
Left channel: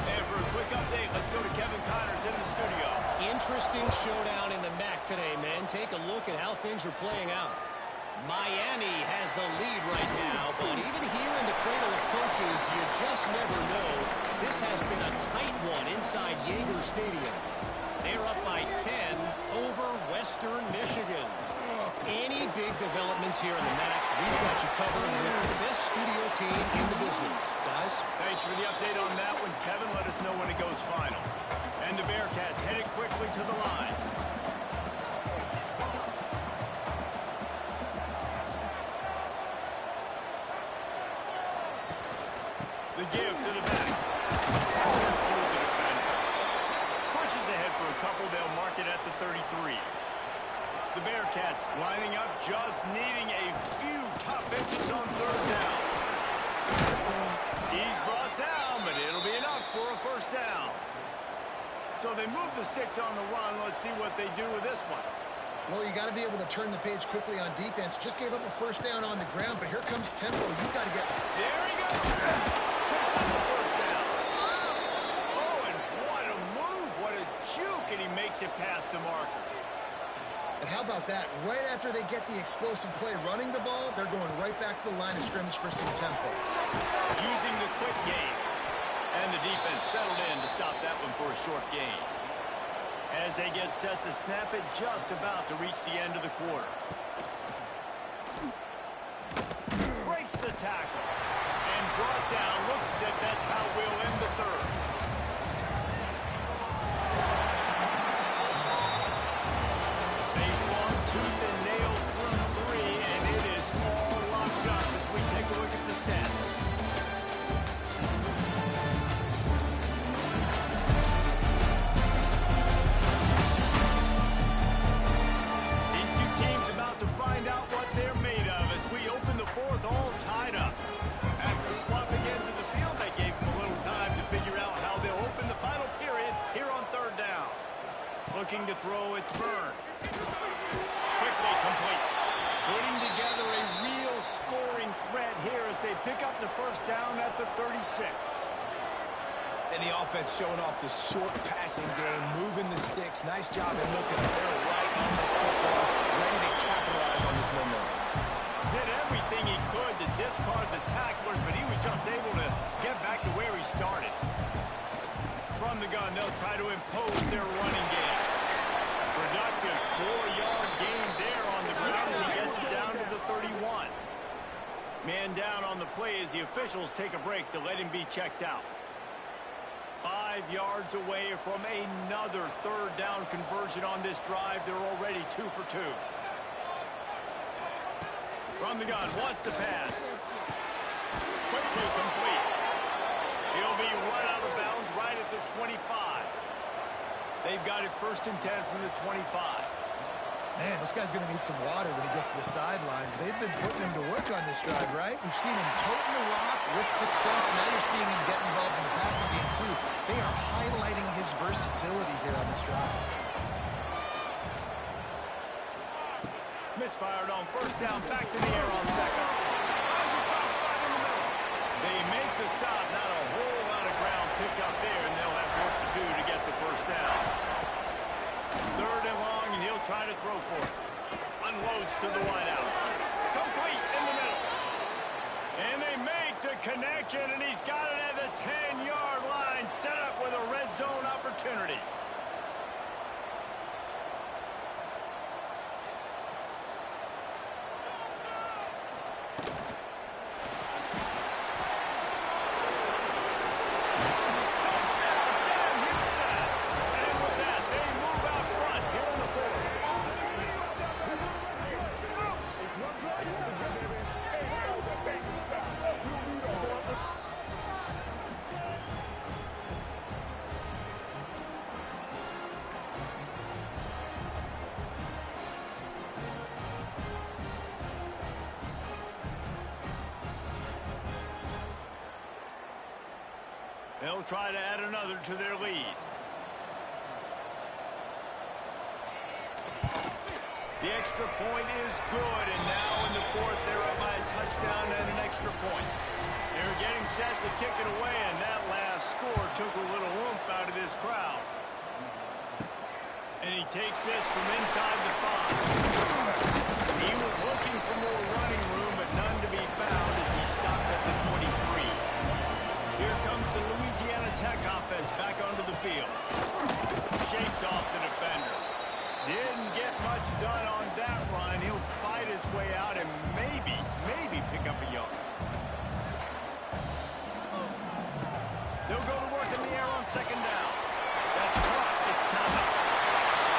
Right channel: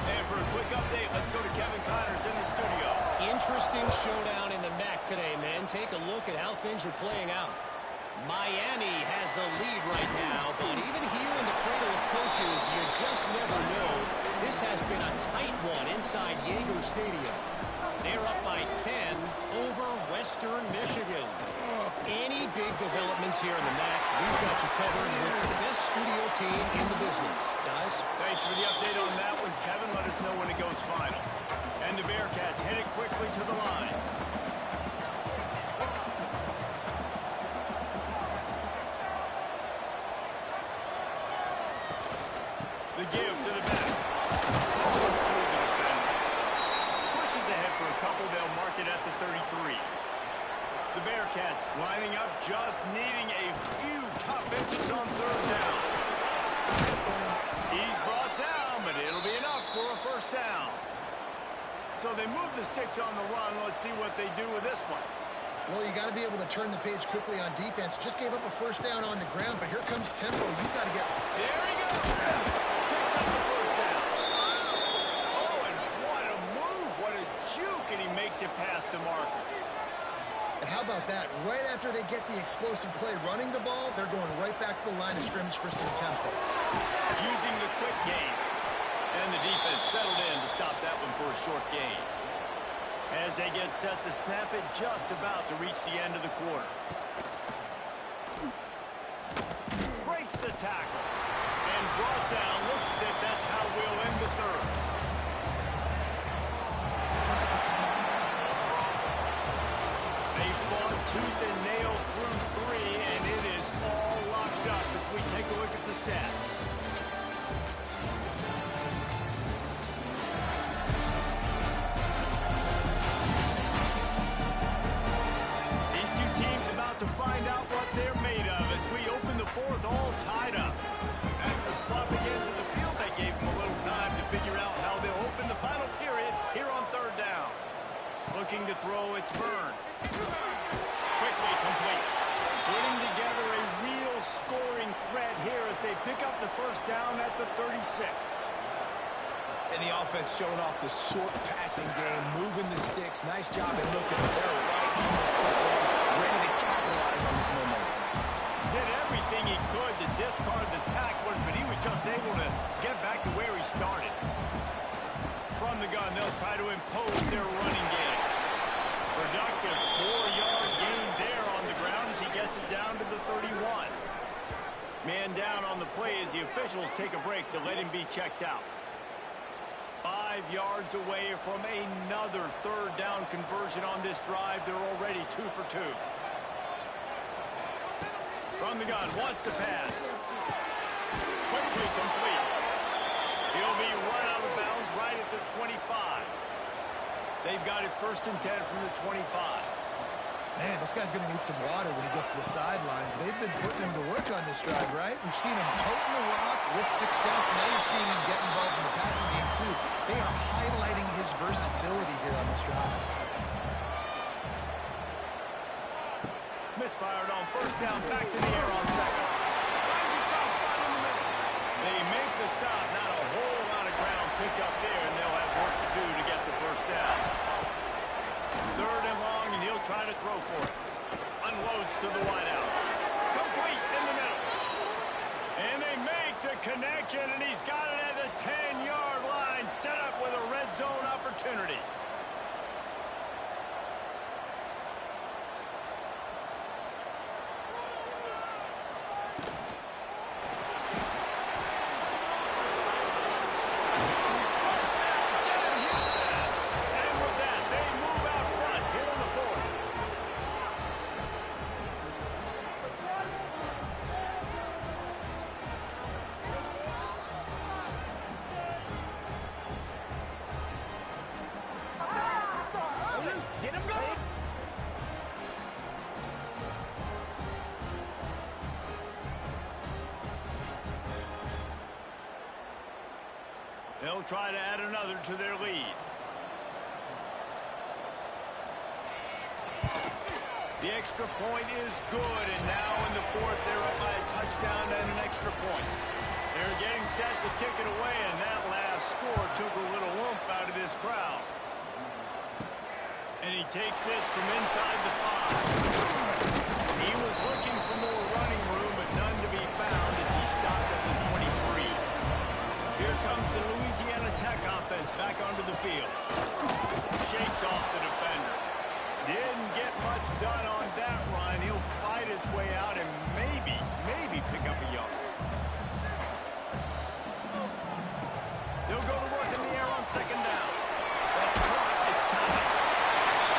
And for a quick update, let's go to Kevin Connors in the studio. Interesting showdown in the MAC today, man. Take a look at how things are playing out. Miami has the lead right now, but even here in the cradle of coaches, you just never know. This has been a tight one inside Yager Stadium. They're up by 10 over Western Michigan. Any big developments here in the MAC, we've got you covered with the best studio team in the business. Guys? Thanks for the update on that one, Kevin. Let us know when it goes final. And the Bearcats headed quickly to the line. The give to the back. Powers through the defender. Pushes ahead for a couple. They'll mark it at the 33. The Bearcats lining up, just needing a few tough inches on third down. He's brought down, but it'll be enough for a first down. So they move the sticks on the run. Let's see what they do with this one. Well, you got to be able to turn the page quickly on defense. Just gave up a first down on the ground, but here comes tempo. You've got to get... There he goes. Picks up the first down. Oh, and what a move. What a juke, and he makes it past the marker. And how about that? Right after they get the explosive play running the ball, they're going right back to the line of scrimmage for some tempo. Using the quick game. And the defense settled in to stop that one for a short gain. As they get set to snap it, just about to reach the end of the quarter. Breaks the tackle. And brought down. Looks as if that's how we'll end the third. They fought tooth and nail through three, and it is all locked up as we take a look at the stats. These two teams about to find out what they're made of as we open the fourth, all tied up. After swapping ends of the field, they gave them a little time to figure out how they'll open the final period here on third down. Looking to throw, it's Byrne. Quickly complete. Putting together a real scoring threat here as they pick up the first down at the 36. And the offense showing off the short passing game, moving the sticks. Nice job, and look at them. They're right on the football, ready to capitalize on this momentum. Did everything he could to discard the tacklers, but he was just able to get back to where he started. From the gun, they'll try to impose their running game. Productive 4-yard gain there on the ground as he gets it down to the 31. Man down on the play as the officials take a break to let him be checked out. 5 yards away from another third down conversion on this drive. They're already 2 for 2. From the gun, wants to pass. Quickly complete. He'll be run out of bounds right at the 25. They've got it 1st and 10 from the 25. Man, this guy's going to need some water when he gets to the sidelines. They've been putting him to work on this drive, right? We've seen him toting the rock with success. Now you're seeing him get involved in the passing game, too. They are highlighting his versatility here on this drive. Misfired on first down, back to the air on second. Finds a soft spot in the middle. They make the stop. Not a whole lot of ground picked up there, and they'll have work to do to get the first down. 3rd and long, and he'll try to throw for it. Unloads to the wideout. Complete in the middle. And they make the connection, and he's got it at the 10-yard line, set up with a red zone opportunity. They'll try to add another to their lead. The extra point is good, and now in the 4th, they're up by a touchdown and an extra point. They're getting set to kick it away, and that last score took a little oomph out of this crowd. And he takes this from inside the 5. He was looking for more running room, but none to be found as he stopped at the 23. Here comes the Louisiana Tech offense back onto the field. shakes off the defender. Didn't get much done on that run. He'll fight his way out and maybe pick up a yard. They'll go to work in the air on second down. That's caught. It's Thomas.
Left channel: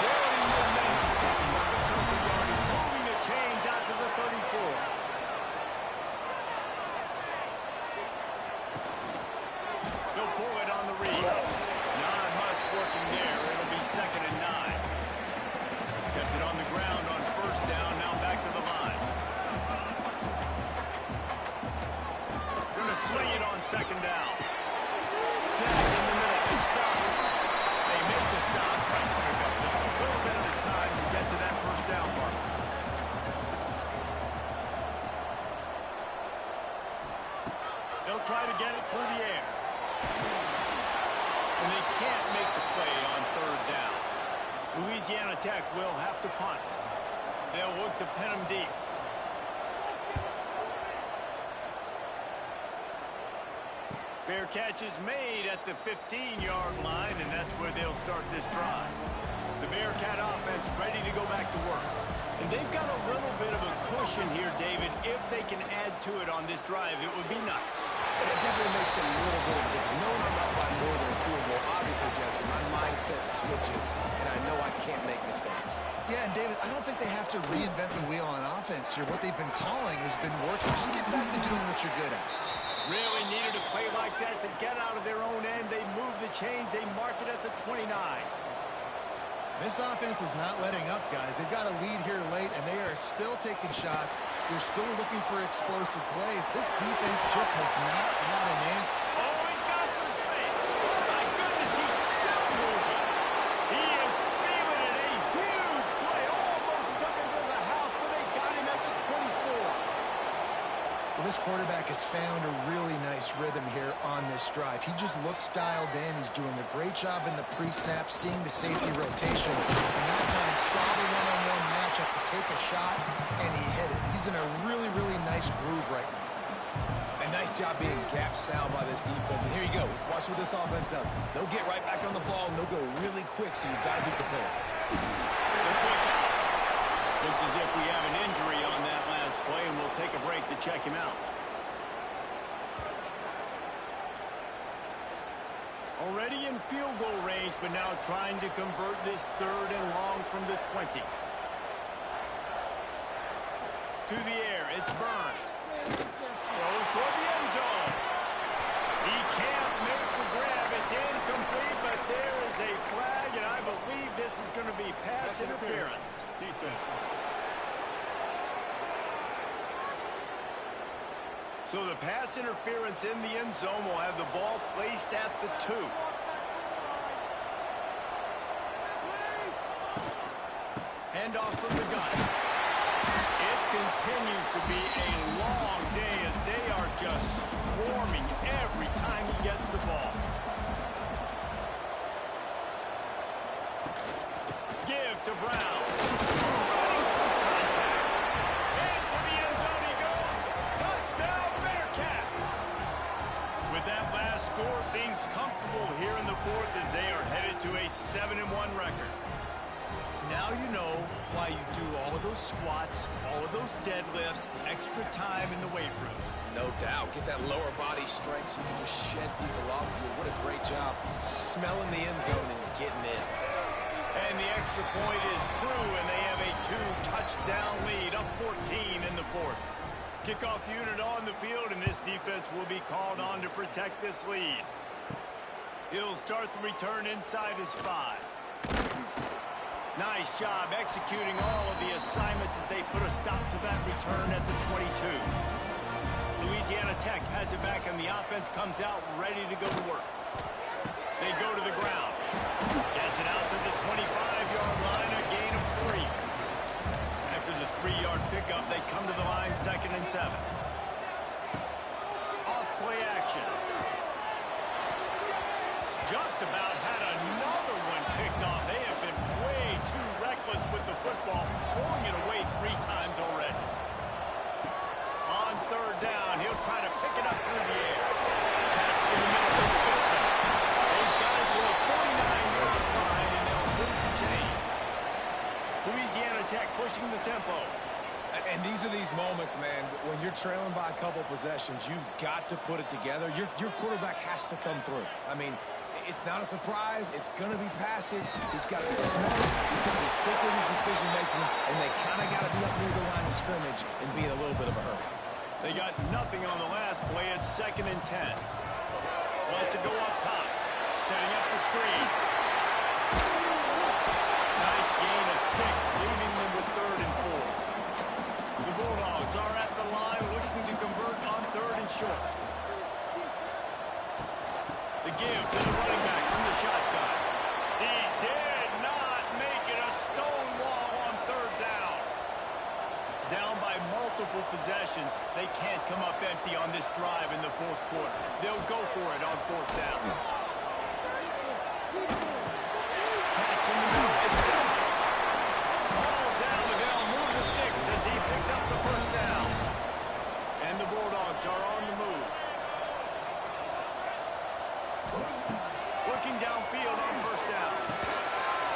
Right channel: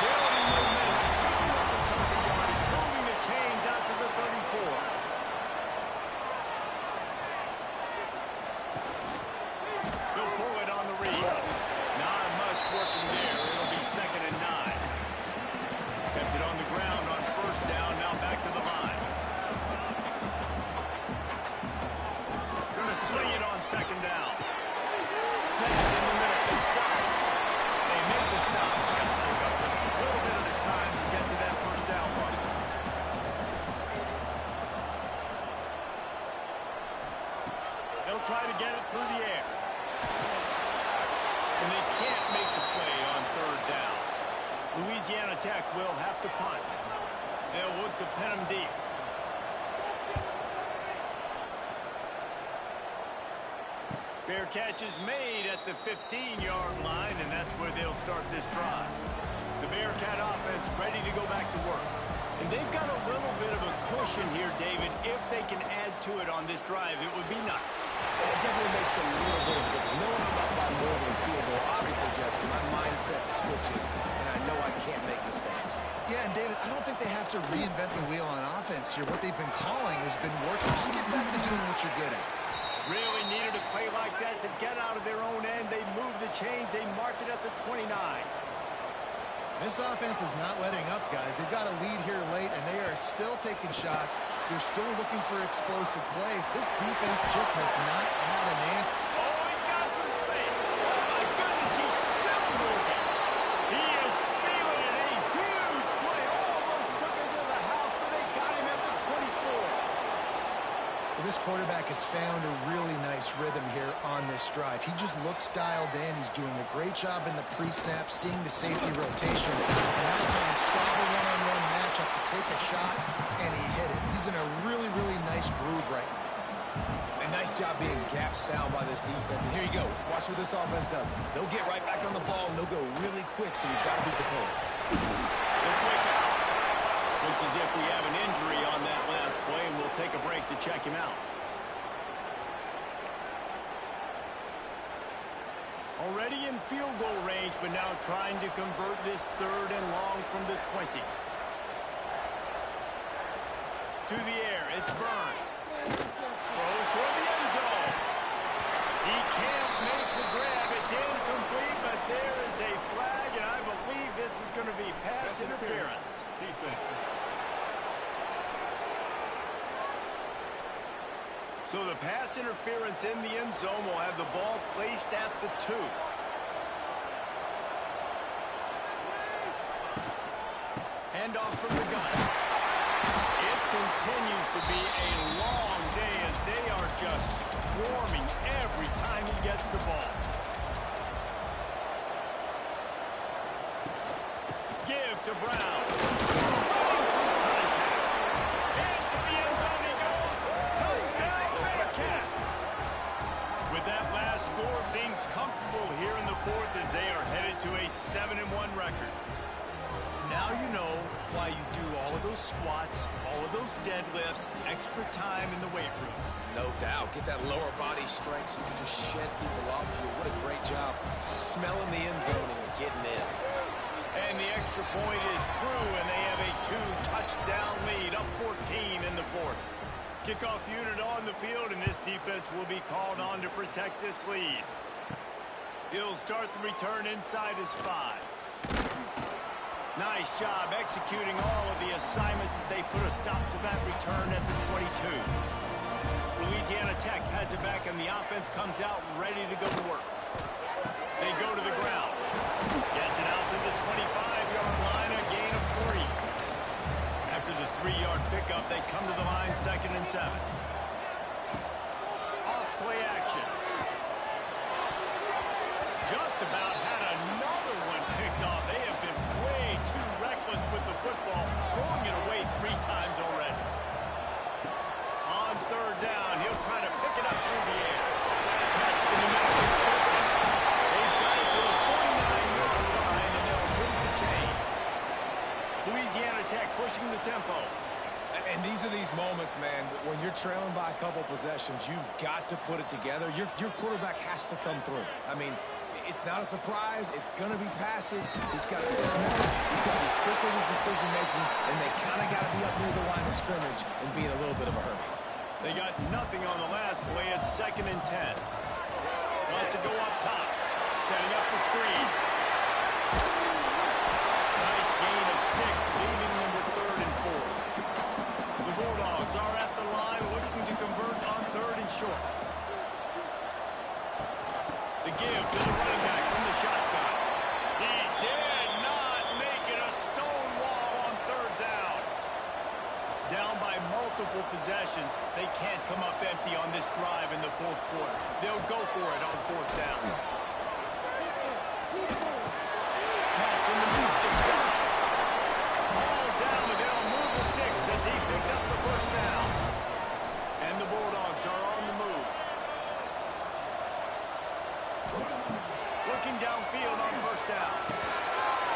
Building momentum, picking up a chunk of yardage, moving the chains out to the 34. They'll pull it on the read. Not much working there. It'll be 2nd and 9. Kept it on the ground on first down. Now back to the line. Going to swing it on 2nd down. Snap in the middle. They stop. They make the stop, trying to pick up just a little bit at a time to get to that first down mark. They'll try to get it through the air. And they can't make the play on 3rd down. Louisiana Tech will have to punt. They'll look to pin them deep. Fair catch is made at the 15-yard line, and that's where they'll start this drive. The Bearcat offense ready to go back to work. And they've got a little bit of a cushion here, David. If they can add to it on this drive, it would be nice. And it definitely makes a little bit of a difference. Knowing I'm up by more than a field goal, obviously, Jesse, my mindset switches, and I know I can't make mistakes. Yeah, and David, I don't think they have to reinvent the wheel on offense here. What they've been calling has been working. Just get back to doing what you're good at. Really needed a play like that to get out of their own end. They move the chains. They mark it at the 29. This offense is not letting up, guys. They've got a lead here late, and they are still taking shots. They're still looking for explosive plays. This defense just has not had an answer. Oh, he's got some space. Oh, my goodness, he's still moving. He is feeling it. A huge play. Almost took him to the house, but they got him at the 24. Well, this quarterback has found a really nice rhythm here on this drive. He just looks dialed in. He's doing a great job in the pre-snap, seeing the safety rotation, and that time saw the one-on-one matchup to take a shot, and he hit it. He's in a really, really nice groove right now. A nice job being gap sound by this defense. And here you go. Watch what this offense does. They'll get right back on the ball, and they'll go really quick, so you've got to be prepared. They're quick out. Looks as if we have an injury on that last play, and we'll take a break to check him out. Already in field goal range, but now trying to convert this 3rd and long from the 20. To the air, it's Byrne. Throws toward the end zone. He can't make the grab. It's incomplete, but there is a flag, and I believe this is going to be pass interference. Defense. So the pass interference in the end zone will have the ball placed at the 2. Handoff from the gun. It continues to be a long day as they are just swarming every time he gets the ball. Give to Brown. Running through contact. Into the end zone he goes. Touchdown Bearcats. With that last score, things comfortable here in the 4th as they are headed to a 7-1 record. Now you know why you do all of those squats, all of those deadlifts, extra time in the weight room. No doubt. Get that lower body strength so you can just shed people off you. What a great job smelling the end zone and getting in. And the extra point is true, and they have a 2-touchdown lead, up 14 in the 4th. Kickoff unit on the field, and this defense will be called on to protect this lead. He'll start the return inside his 5. Nice job executing all of the assignments as they put a stop to that return at the 22. Louisiana Tech has it back, and the offense comes out ready to go to work. They go to the ground. Gets it out to the 25-yard line, a gain of 3. After the 3-yard pickup, they come to the line 2nd and 7. Off play action. Just about had another one picked off. They have been way too reckless with the football, throwing it away 3 times already. On 3rd down, he'll try to pick it up through the air. Catch in the middle, it's Goodman. They've got it to the 49-yard line, and they'll Tech pushing the tempo. And these are these moments, man, when you're trailing by a couple possessions, you've got to put it together. Your quarterback has to come through. I mean, it's not a surprise. It's going to be passes. He's got to be smart. He's got to be quick with his decision-making, and they kind of got to be up near the line of scrimmage and be in a little bit of a hurry. They got nothing on the last play. It's 2nd and 10. Wants to go up top. Setting up the screen. Nice gain of 6, leaving them with 3rd and 4. The Bulldogs are at the line looking to convert on 3rd and short. The give to the running back from the shotgun. He did not make it a stone wall on 3rd down. Down by multiple possessions, they can't come up empty on this drive in the 4th quarter. They'll go for it on 4th down. Catch in the middle. It's done. Ball down, and they'll move the sticks as he picks up the 1st down. And the Bulldogs are on the move. Looking downfield on 1st down.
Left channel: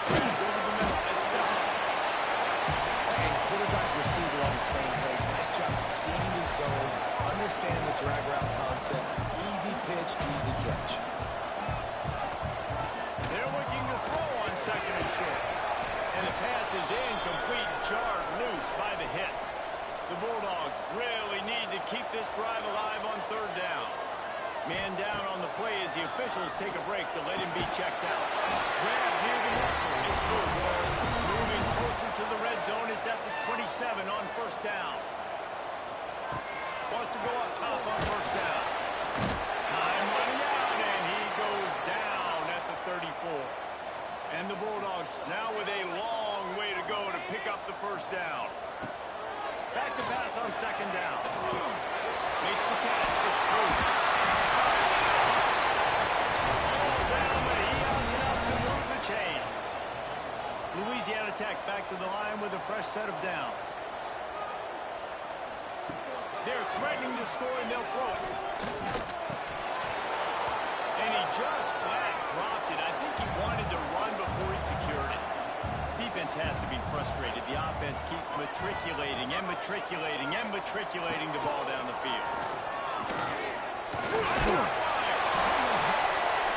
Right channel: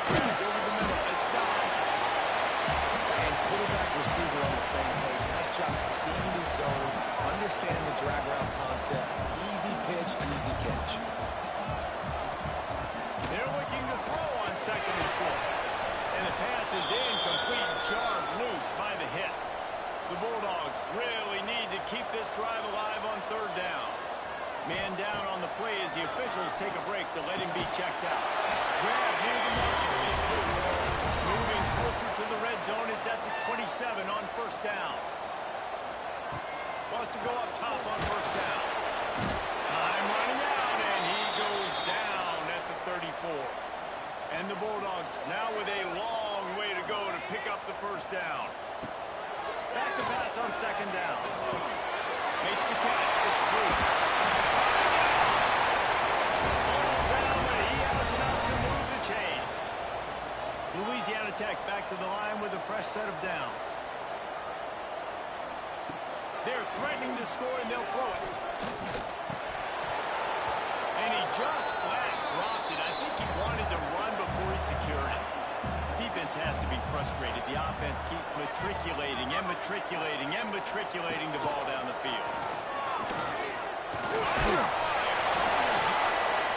Drag over the middle. It's down. And quarterback, receiver on the same page. Nice job seeing the zone, understanding the drag route concept. Easy pitch, easy catch. They're looking to throw on 2nd and short. And the pass is incomplete, jarred loose by the hit. The Bulldogs really need to keep this drive alive on 3rd down. Man down on the play as the officials take a break to let him be checked out. Grab near the marker. It's moved. Moving closer to the red zone. It's at the 27 on 1st down. Wants to go up top on 1st down. Time running out, and he goes down at the 34. And the Bulldogs now with a long way to go to pick up the 1st down. Back to pass on 2nd down. Makes the catch. It's moved. All down, but he has enough to move the chains. Louisiana Tech back to the line with a fresh set of downs. They're threatening to score, and they'll throw it. And he just flat dropped it. I think he wanted to run before he secured it. Defense has to be frustrated. The offense keeps matriculating and matriculating and matriculating the ball down the field.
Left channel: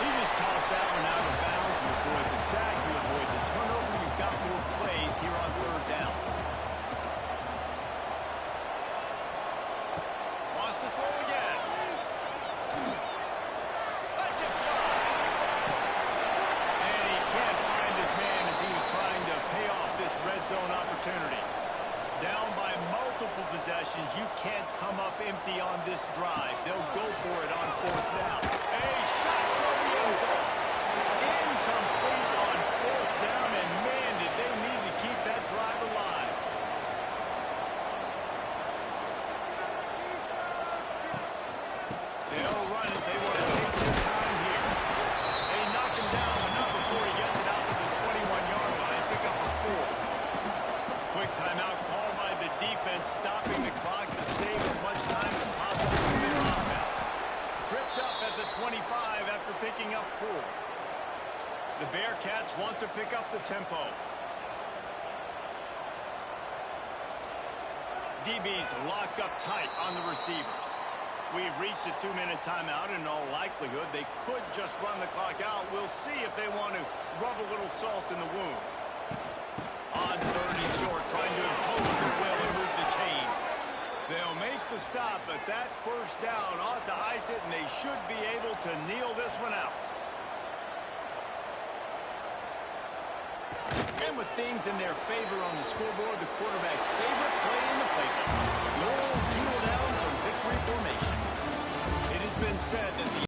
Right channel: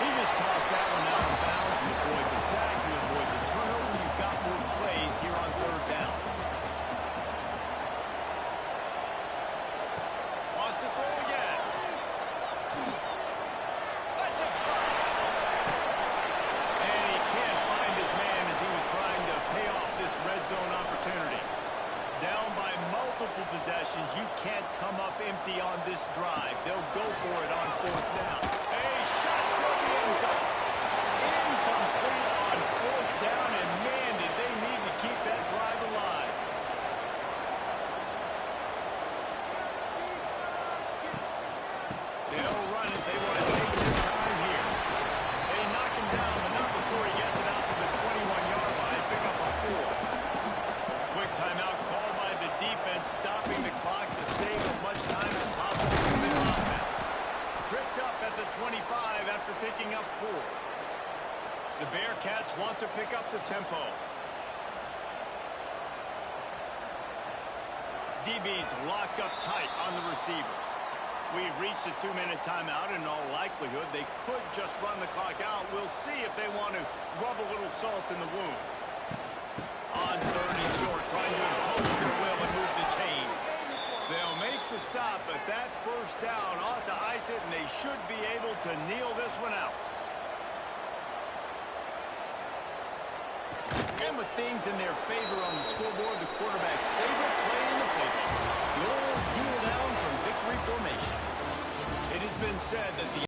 He just tossed that one out of bounds. You avoid the sack, you avoid the turnover. You've got more plays here on 3rd down. Wants to throw again. Let's it fly. And he can't find his man as he was trying to pay off this red zone opportunity. Down by multiple possessions, you can't come up empty on this drive. They'll go for it on 4th down. A shot for the end zone. Incomplete on 4th down, and man, did they need to keep that drive alive. They'll run it. They want to take their time here. They knock him down, but not before he gets it out to the 21-yard line. Pick up a 4. Quick timeout called by the defense, stopping the clock to save as much time as possible for their offense. Tripped up at the 25 after picking up 4. The Bearcats want to pick up the tempo. DB's locked up tight on the receivers. We've reached a 2-minute timeout. In all likelihood, they could just run the clock out. We'll see if they want to rub a little salt in the wound. On 3rd and short, trying to impose their will and move the chains. They'll make the stop, but that 1st down ought to ice it, and they should be able to kneel this one out. And with things in their favor on the scoreboard, the quarterback's favorite play in the playbook. The old heel downs or victory formation. It has been said that the